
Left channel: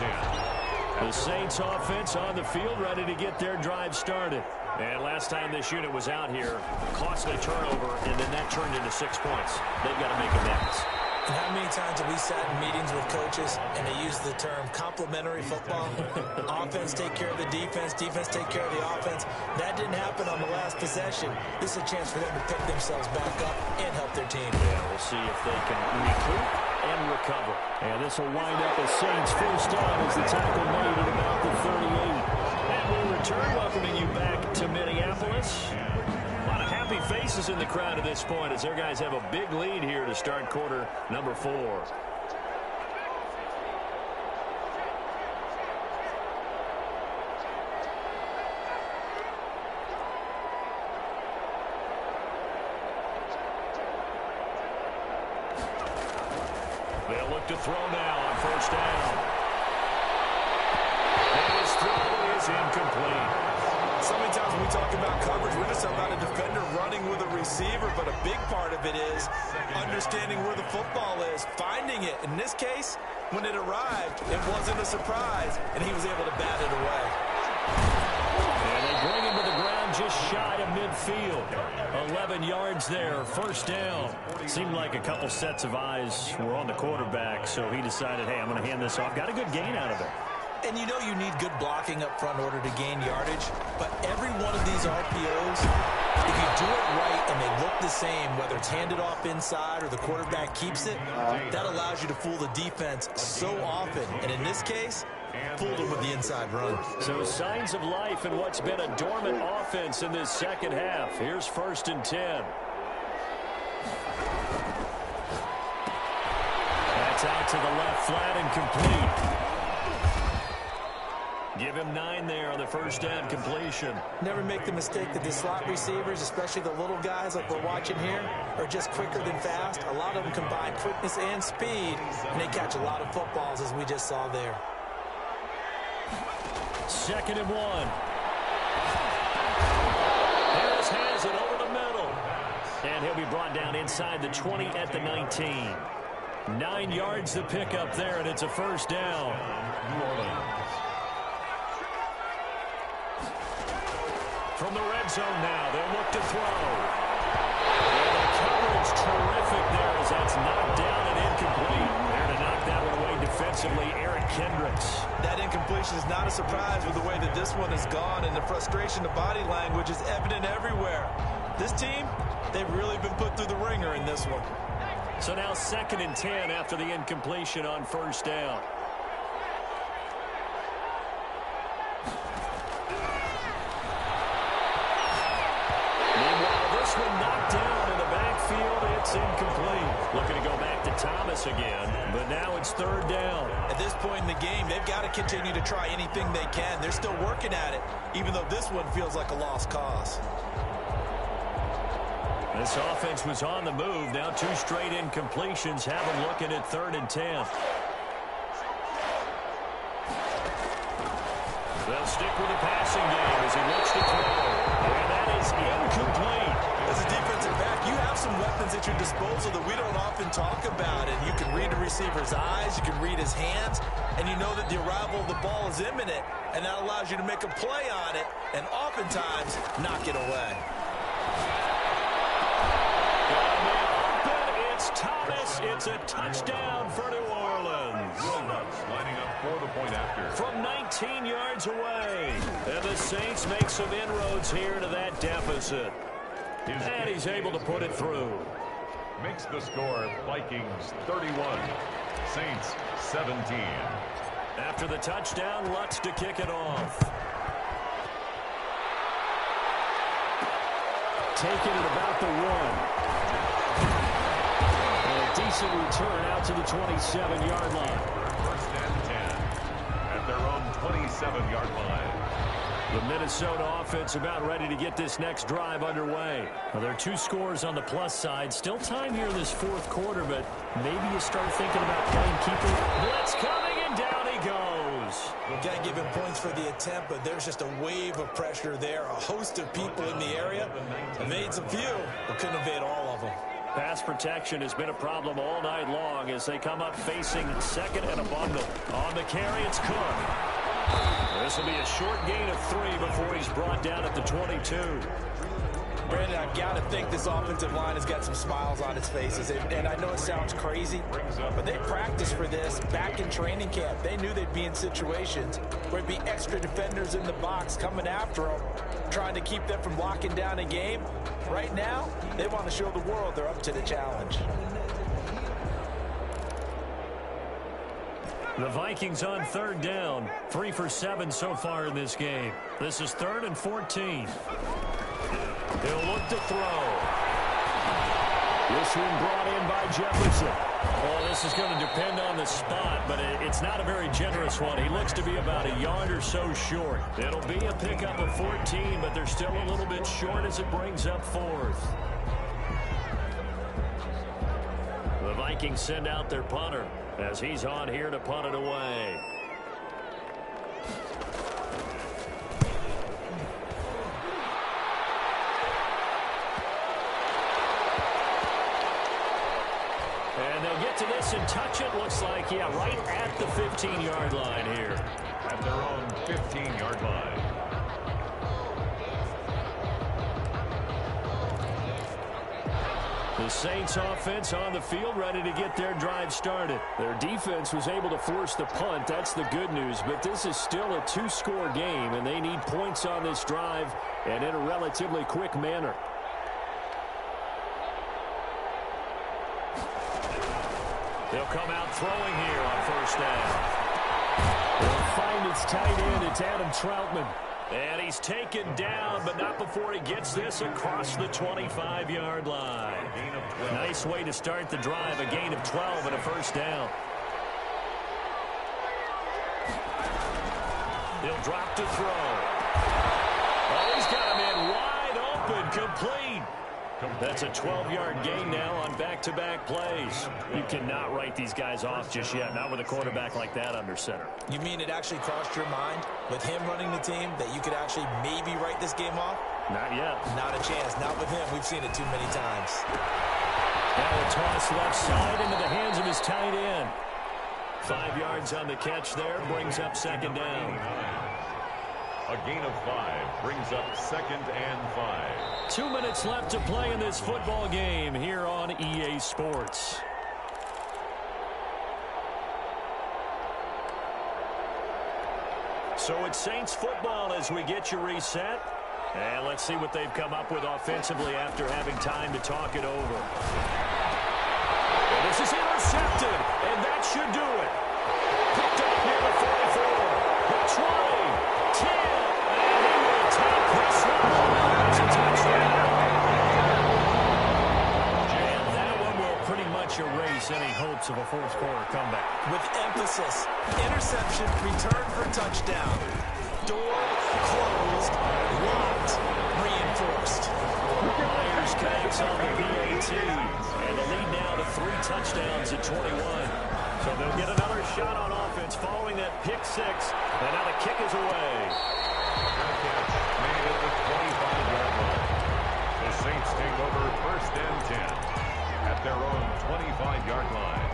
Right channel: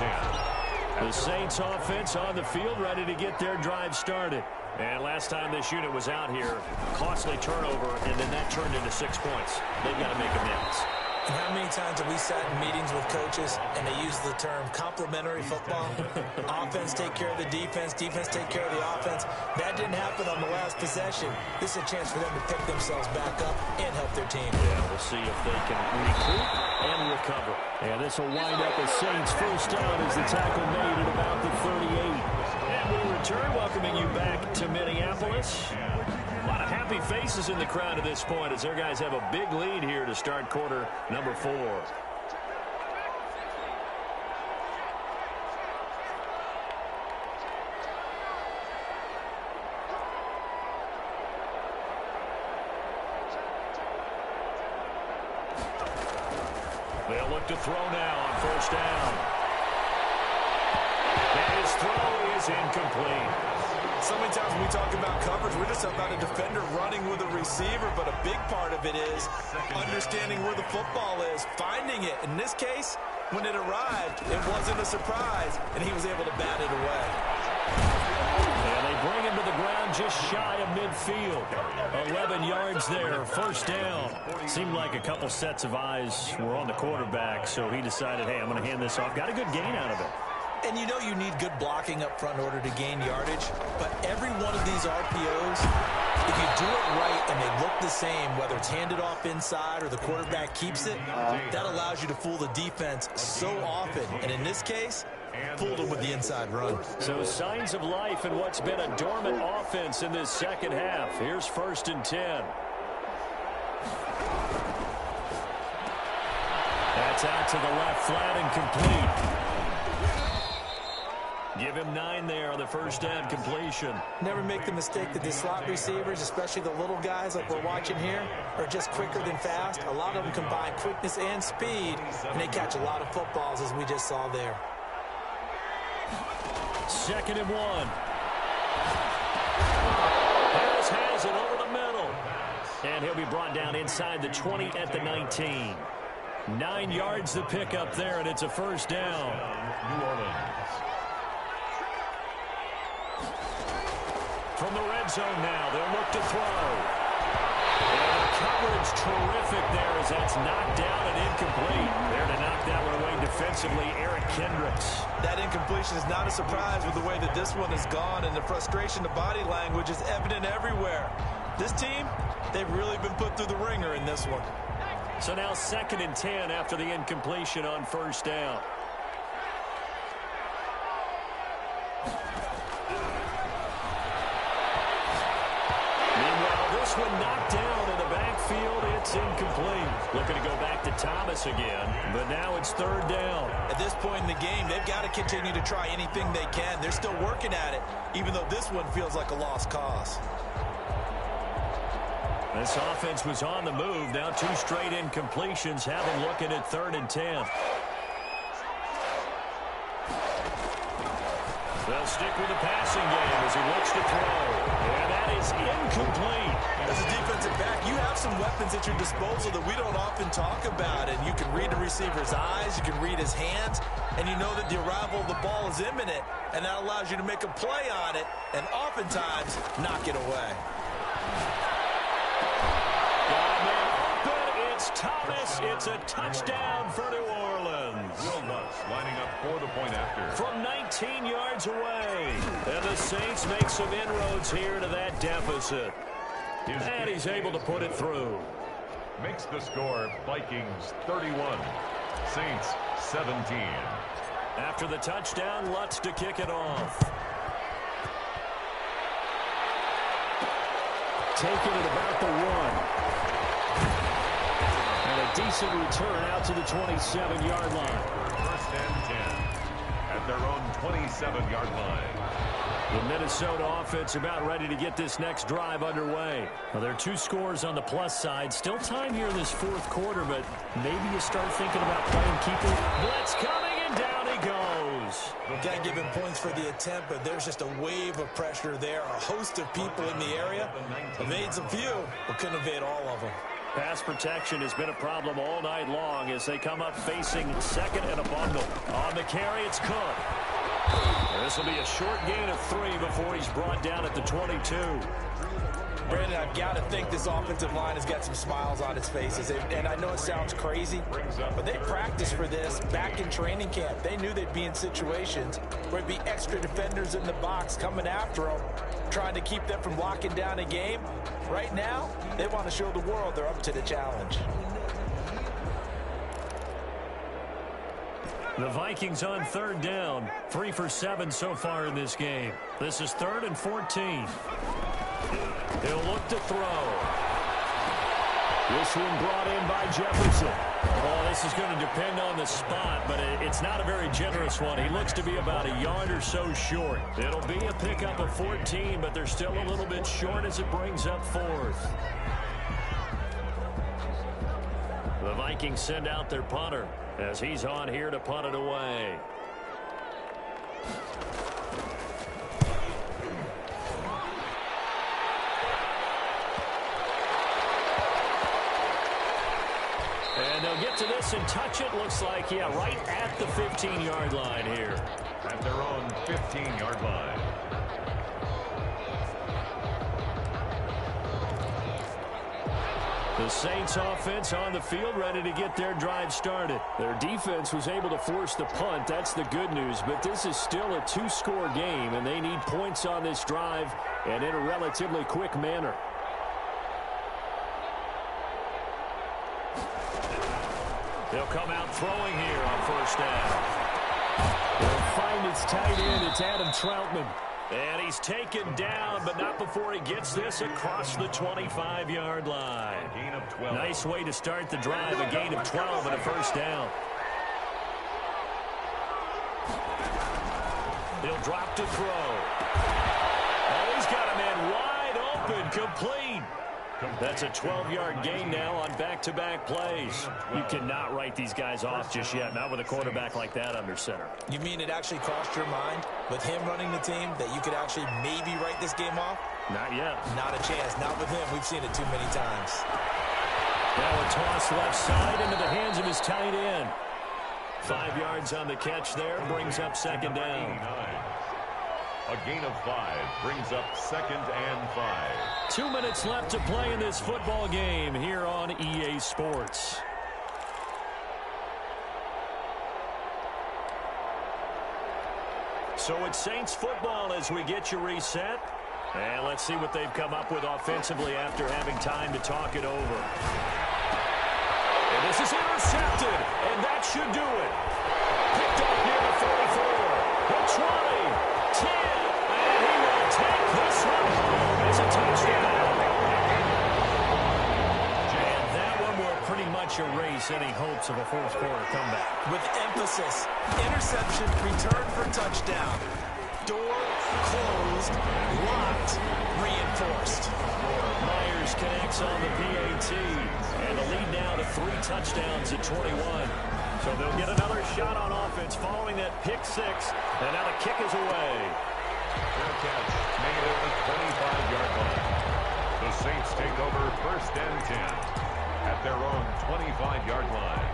10. The Saints offense on the field, ready to get their drive started. And last time this unit was out here, costly turnover, and then that turned into 6 points. They've got to make amends. And how many times have we sat in meetings with coaches and they use the term complementary football? Offense take care of the defense, defense take care of the offense. That didn't happen on the last possession. This is a chance for them to pick themselves back up and help their team. Yeah, we'll see if they can recoup and recover. And this will wind up as Saints 1st down as the tackle made at about the 38. And we return, welcoming you back to Minneapolis. A lot of happy faces in the crowd at this point as their guys have a big lead here to start quarter number 4. They'll look to throw now on 1st down. And his throw is incomplete. So many times when we talk about coverage, we're just about a defender running with a receiver, but a big part of it is understanding where the football is, finding it. In this case, when it arrived, it wasn't a surprise, and he was able to bat it away. And they bring him to the ground just shy of midfield. 11 yards there, 1st down. Seemed like a couple sets of eyes were on the quarterback, so he decided, hey, I'm going to hand this off. Got a good gain out of it. And you know you need good blocking up front in order to gain yardage. But every one of these RPOs, if you do it right and they look the same, whether it's handed off inside or the quarterback keeps it, that allows you to fool the defense so often. And in this case, fooled them with the inside run. So signs of life in what's been a dormant offense in this second half. Here's 1st and 10. That's out to the left, flat and complete. Give him 9 there on the first down completion. Never make the mistake that the slot receivers, especially the little guys like we're watching here, are just quicker than fast. A lot of them combine quickness and speed, and they catch a lot of footballs, as we just saw there. 2nd and 1. Harris has it over the middle. And he'll be brought down inside the 20 at the 19. 9 yards to pick up there, and it's a first down. New Orleans. From the red zone now, they'll look to throw. And the coverage terrific there as that's knocked down and incomplete. There to knock that one away defensively, Eric Kendricks. That incompletion is not a surprise with the way that this one has gone, and the frustration of body language is evident everywhere. This team, they've really been put through the ringer in this one. So now 2nd and 10 after the incompletion on first down. Meanwhile, this one knocked down in the backfield. It's incomplete. Looking to go back to Thomas again, but now it's 3rd down. At this point in the game, they've got to continue to try anything they can. They're still working at it, even though this one feels like a lost cause. This offense was on the move. Now 2 straight incompletions have them looking at 3rd and 10. They'll stick with the passing game as he looks to throw. And that is incomplete. As a defensive back, you have some weapons at your disposal that we don't often talk about. And you can read the receiver's eyes, you can read his hands, and you know that the arrival of the ball is imminent. And that allows you to make a play on it and oftentimes knock it away. Got a man open. It's Thomas. It's a touchdown for New Orleans. Will Lutz lining up for the point after. From 19 yards away. And the Saints make some inroads here to that deficit. And he's able to put it through. Makes the score Vikings 31, Saints 17. After the touchdown, Lutz to kick it off. Taking it about the 1. And a decent return out to the 27-yard line. 1st and 10 at their own 27-yard line. The Minnesota offense about ready to get this next drive underway. Well, there are 2 scores on the plus side. Still time here in this 4th quarter, but maybe you start thinking about playing keeper. Blitz coming, and down he goes. Can't give him points for the attempt, but there's just a wave of pressure there. A host of people in the area. Evades a few, but couldn't evade all of them. Pass protection has been a problem all night long as they come up facing 2nd and a bundle. On the carry, it's Cook. This will be a short gain of 3 before he's brought down at the 22. Brandon, I've got to think this offensive line has got some smiles on its faces. And I know it sounds crazy, but they practiced for this back in training camp. They knew they'd be in situations where it'd be extra defenders in the box coming after them, trying to keep them from locking down a game. Right now, they want to show the world they're up to the challenge. The Vikings on 3rd down. 3 for 7 so far in this game. This is 3rd and 14. He'll look to throw. This one brought in by Jefferson. Oh, this is going to depend on the spot, but it's not a very generous one. He looks to be about a yard or so short. It'll be a pickup of 14, but they're still a little bit short as it brings up 4th. The Vikings send out their punter as he's on here to punt it away. And they'll get to this and touch it. Looks like, yeah, right at the 15-yard line here. At their own 15-yard line. The Saints offense on the field ready to get their drive started. Their defense was able to force the punt. That's the good news. But this is still a 2-score game, and they need points on this drive and in a relatively quick manner. They'll come out throwing here on first down. They'll find its tight end. It's Adam Troutman. And he's taken down, but not before he gets this across the 25-yard line. Gain of 12. Nice way to start the drive, a gain of 12 and a first down. He'll drop to throw. Oh, he's got a man wide open, complete. That's a 12-yard gain now on back-to-back plays. You cannot write these guys off just yet, not with a quarterback like that under center. You mean it actually crossed your mind with him running the team that you could actually maybe write this game off? Not yet. Not a chance. Not with him. We've seen it too many times. Now a toss left side into the hands of his tight end. 5 yards on the catch there, brings up second down. A gain of 5 brings up 2nd and 5. 2 minutes left to play in this football game here on EA Sports. So it's Saints football as we get you reset. And let's see what they've come up with offensively after having time to talk it over. And this is intercepted, and that should do it. Picked up near the 44, the 20, 10, and he will take this one home. It's a touchdown. And that one will pretty much erase any hopes of a fourth quarter comeback. With emphasis, interception, return for touchdown. Door closed, locked, reinforced. Myers connects on the PAT, and the lead now to 3 touchdowns at 21. So they'll get another shot on offense following that pick 6, and now the kick is away. Fair catch made at the 25-yard line. The Saints take over 1st and 10 at their own 25-yard line.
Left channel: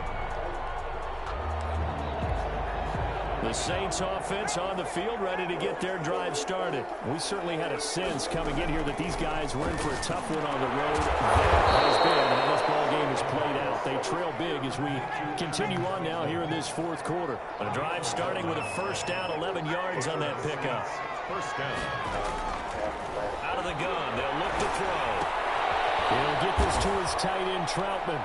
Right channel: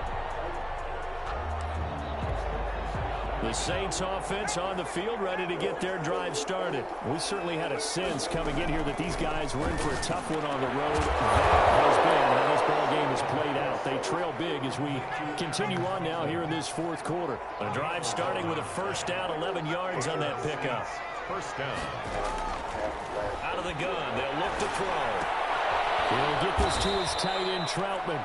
The Saints offense on the field, ready to get their drive started. We certainly had a sense coming in here that these guys were in for a tough one on the road. That has been how this ball game is played out. They trail big as we continue on now here in this fourth quarter. A drive starting with a first down, 11 yards on that pickup. First down. Out of the gun, they'll look to throw. He'll get this to his tight end, Troutman.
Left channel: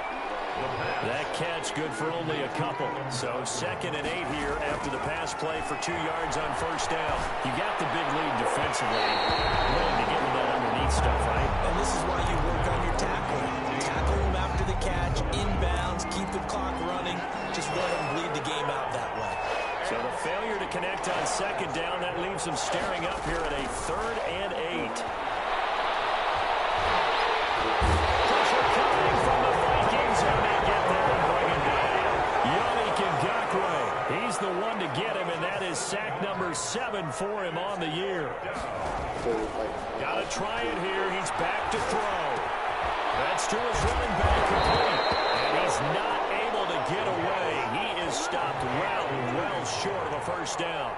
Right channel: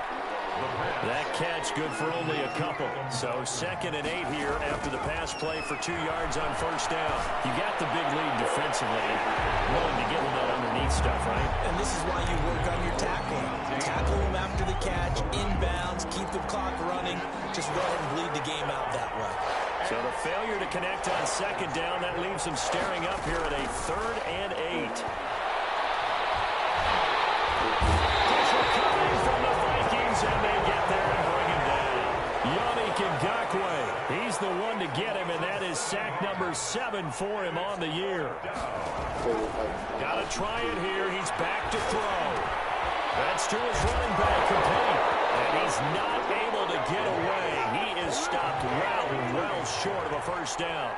That catch good for only a couple. So 2nd and 8 here after the pass play for 2 yards on first down. You got the big lead defensively. Willing to give him that underneath stuff, right? And this is why you work on your tackling. Tackle him after the catch, inbounds, keep the clock running. Just go ahead and bleed the game out that way. So the failure to connect on second down, that leaves them staring up here at a 3rd and 8. Pressure coming from the Vikings, and they get there and bring him down. Yannick Ngakoue, he's the one to get him, and that is sack number 7 for him on the year. Got to try it here. He's back to throw. That's to his running back, complete. And he's not able to get away. He is stopped well short of a first down.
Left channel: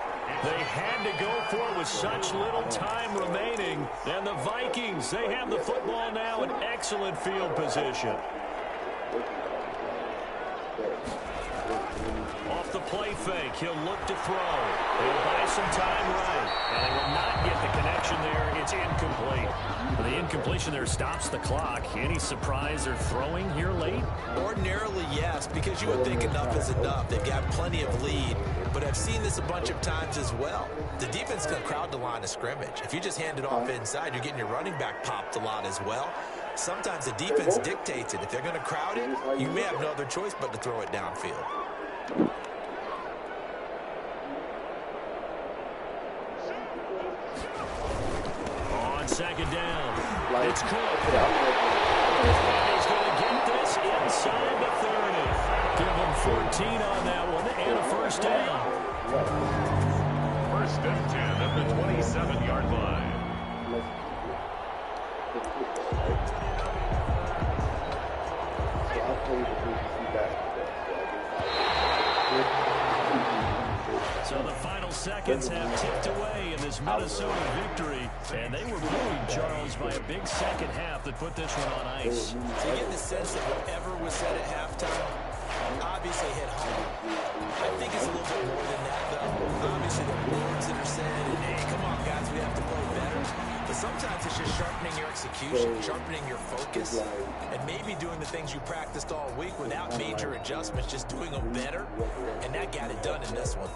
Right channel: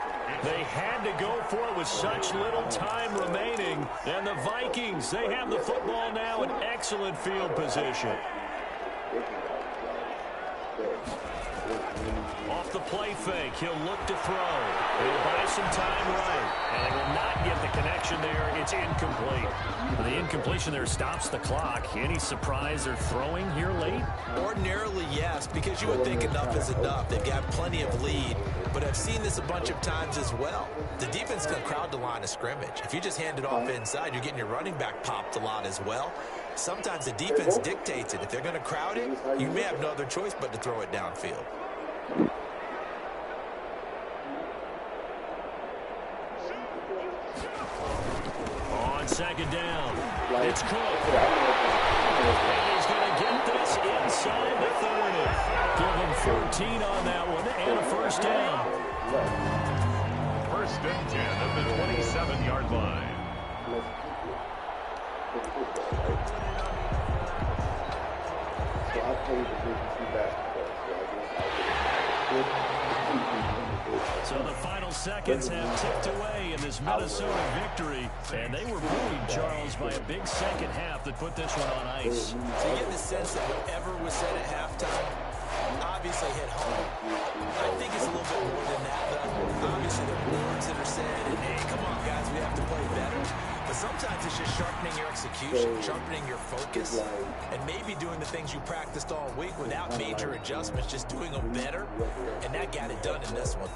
They had to go for it with such little time remaining. And the Vikings, they have the football now in excellent field position. Off the play fake, he'll look to throw. He'll buy some time right. And they will not get the connection there. It's incomplete. The incompletion there stops the clock. Any surprise they're throwing here late? Ordinarily, yes, because you would think enough is enough. They've got plenty of lead, but I've seen this a bunch of times as well. The defense can crowd the line of scrimmage. If you just hand it off inside, you're getting your running back popped a lot as well. Sometimes the defense dictates it. If they're going to crowd it, you may have no other choice but to throw it downfield. On second down, it's Cook. And he's going to get this inside the 30. Give him 14 on that one and a first down. 1st and 10 at the 27-yard line. So the final seconds have ticked away in this Minnesota victory, and they were buoyed, Charles, by a big second half that put this one on ice. So you get the sense that whatever was said at halftime obviously hit home. I think it's a little bit more than that, though. Obviously, there are words that are said, and hey, come on, guys, we have to play better. But sometimes it's just sharpening your execution, sharpening your focus, and maybe doing the things you practiced all week without major adjustments, just doing them better, and that got it done in this one.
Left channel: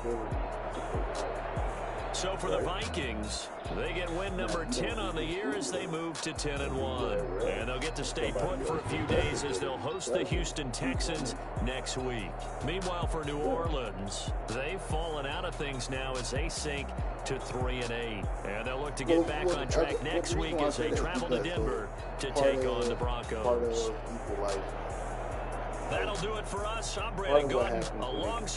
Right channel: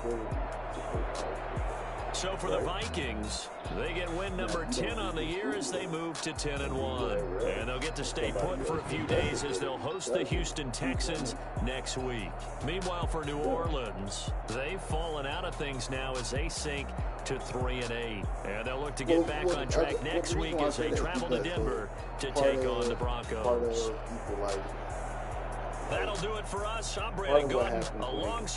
So for the Vikings, they get win number 10 on the year as they move to 10-1. And they'll get to stay put for a few days as they'll host the Houston Texans next week. Meanwhile, for New Orleans, they've fallen out of things now as they sink to 3-8. And they'll look to get back on track next week as they travel to Denver to take on the Broncos. That'll do it for us. I'm Brandon Gordon alongside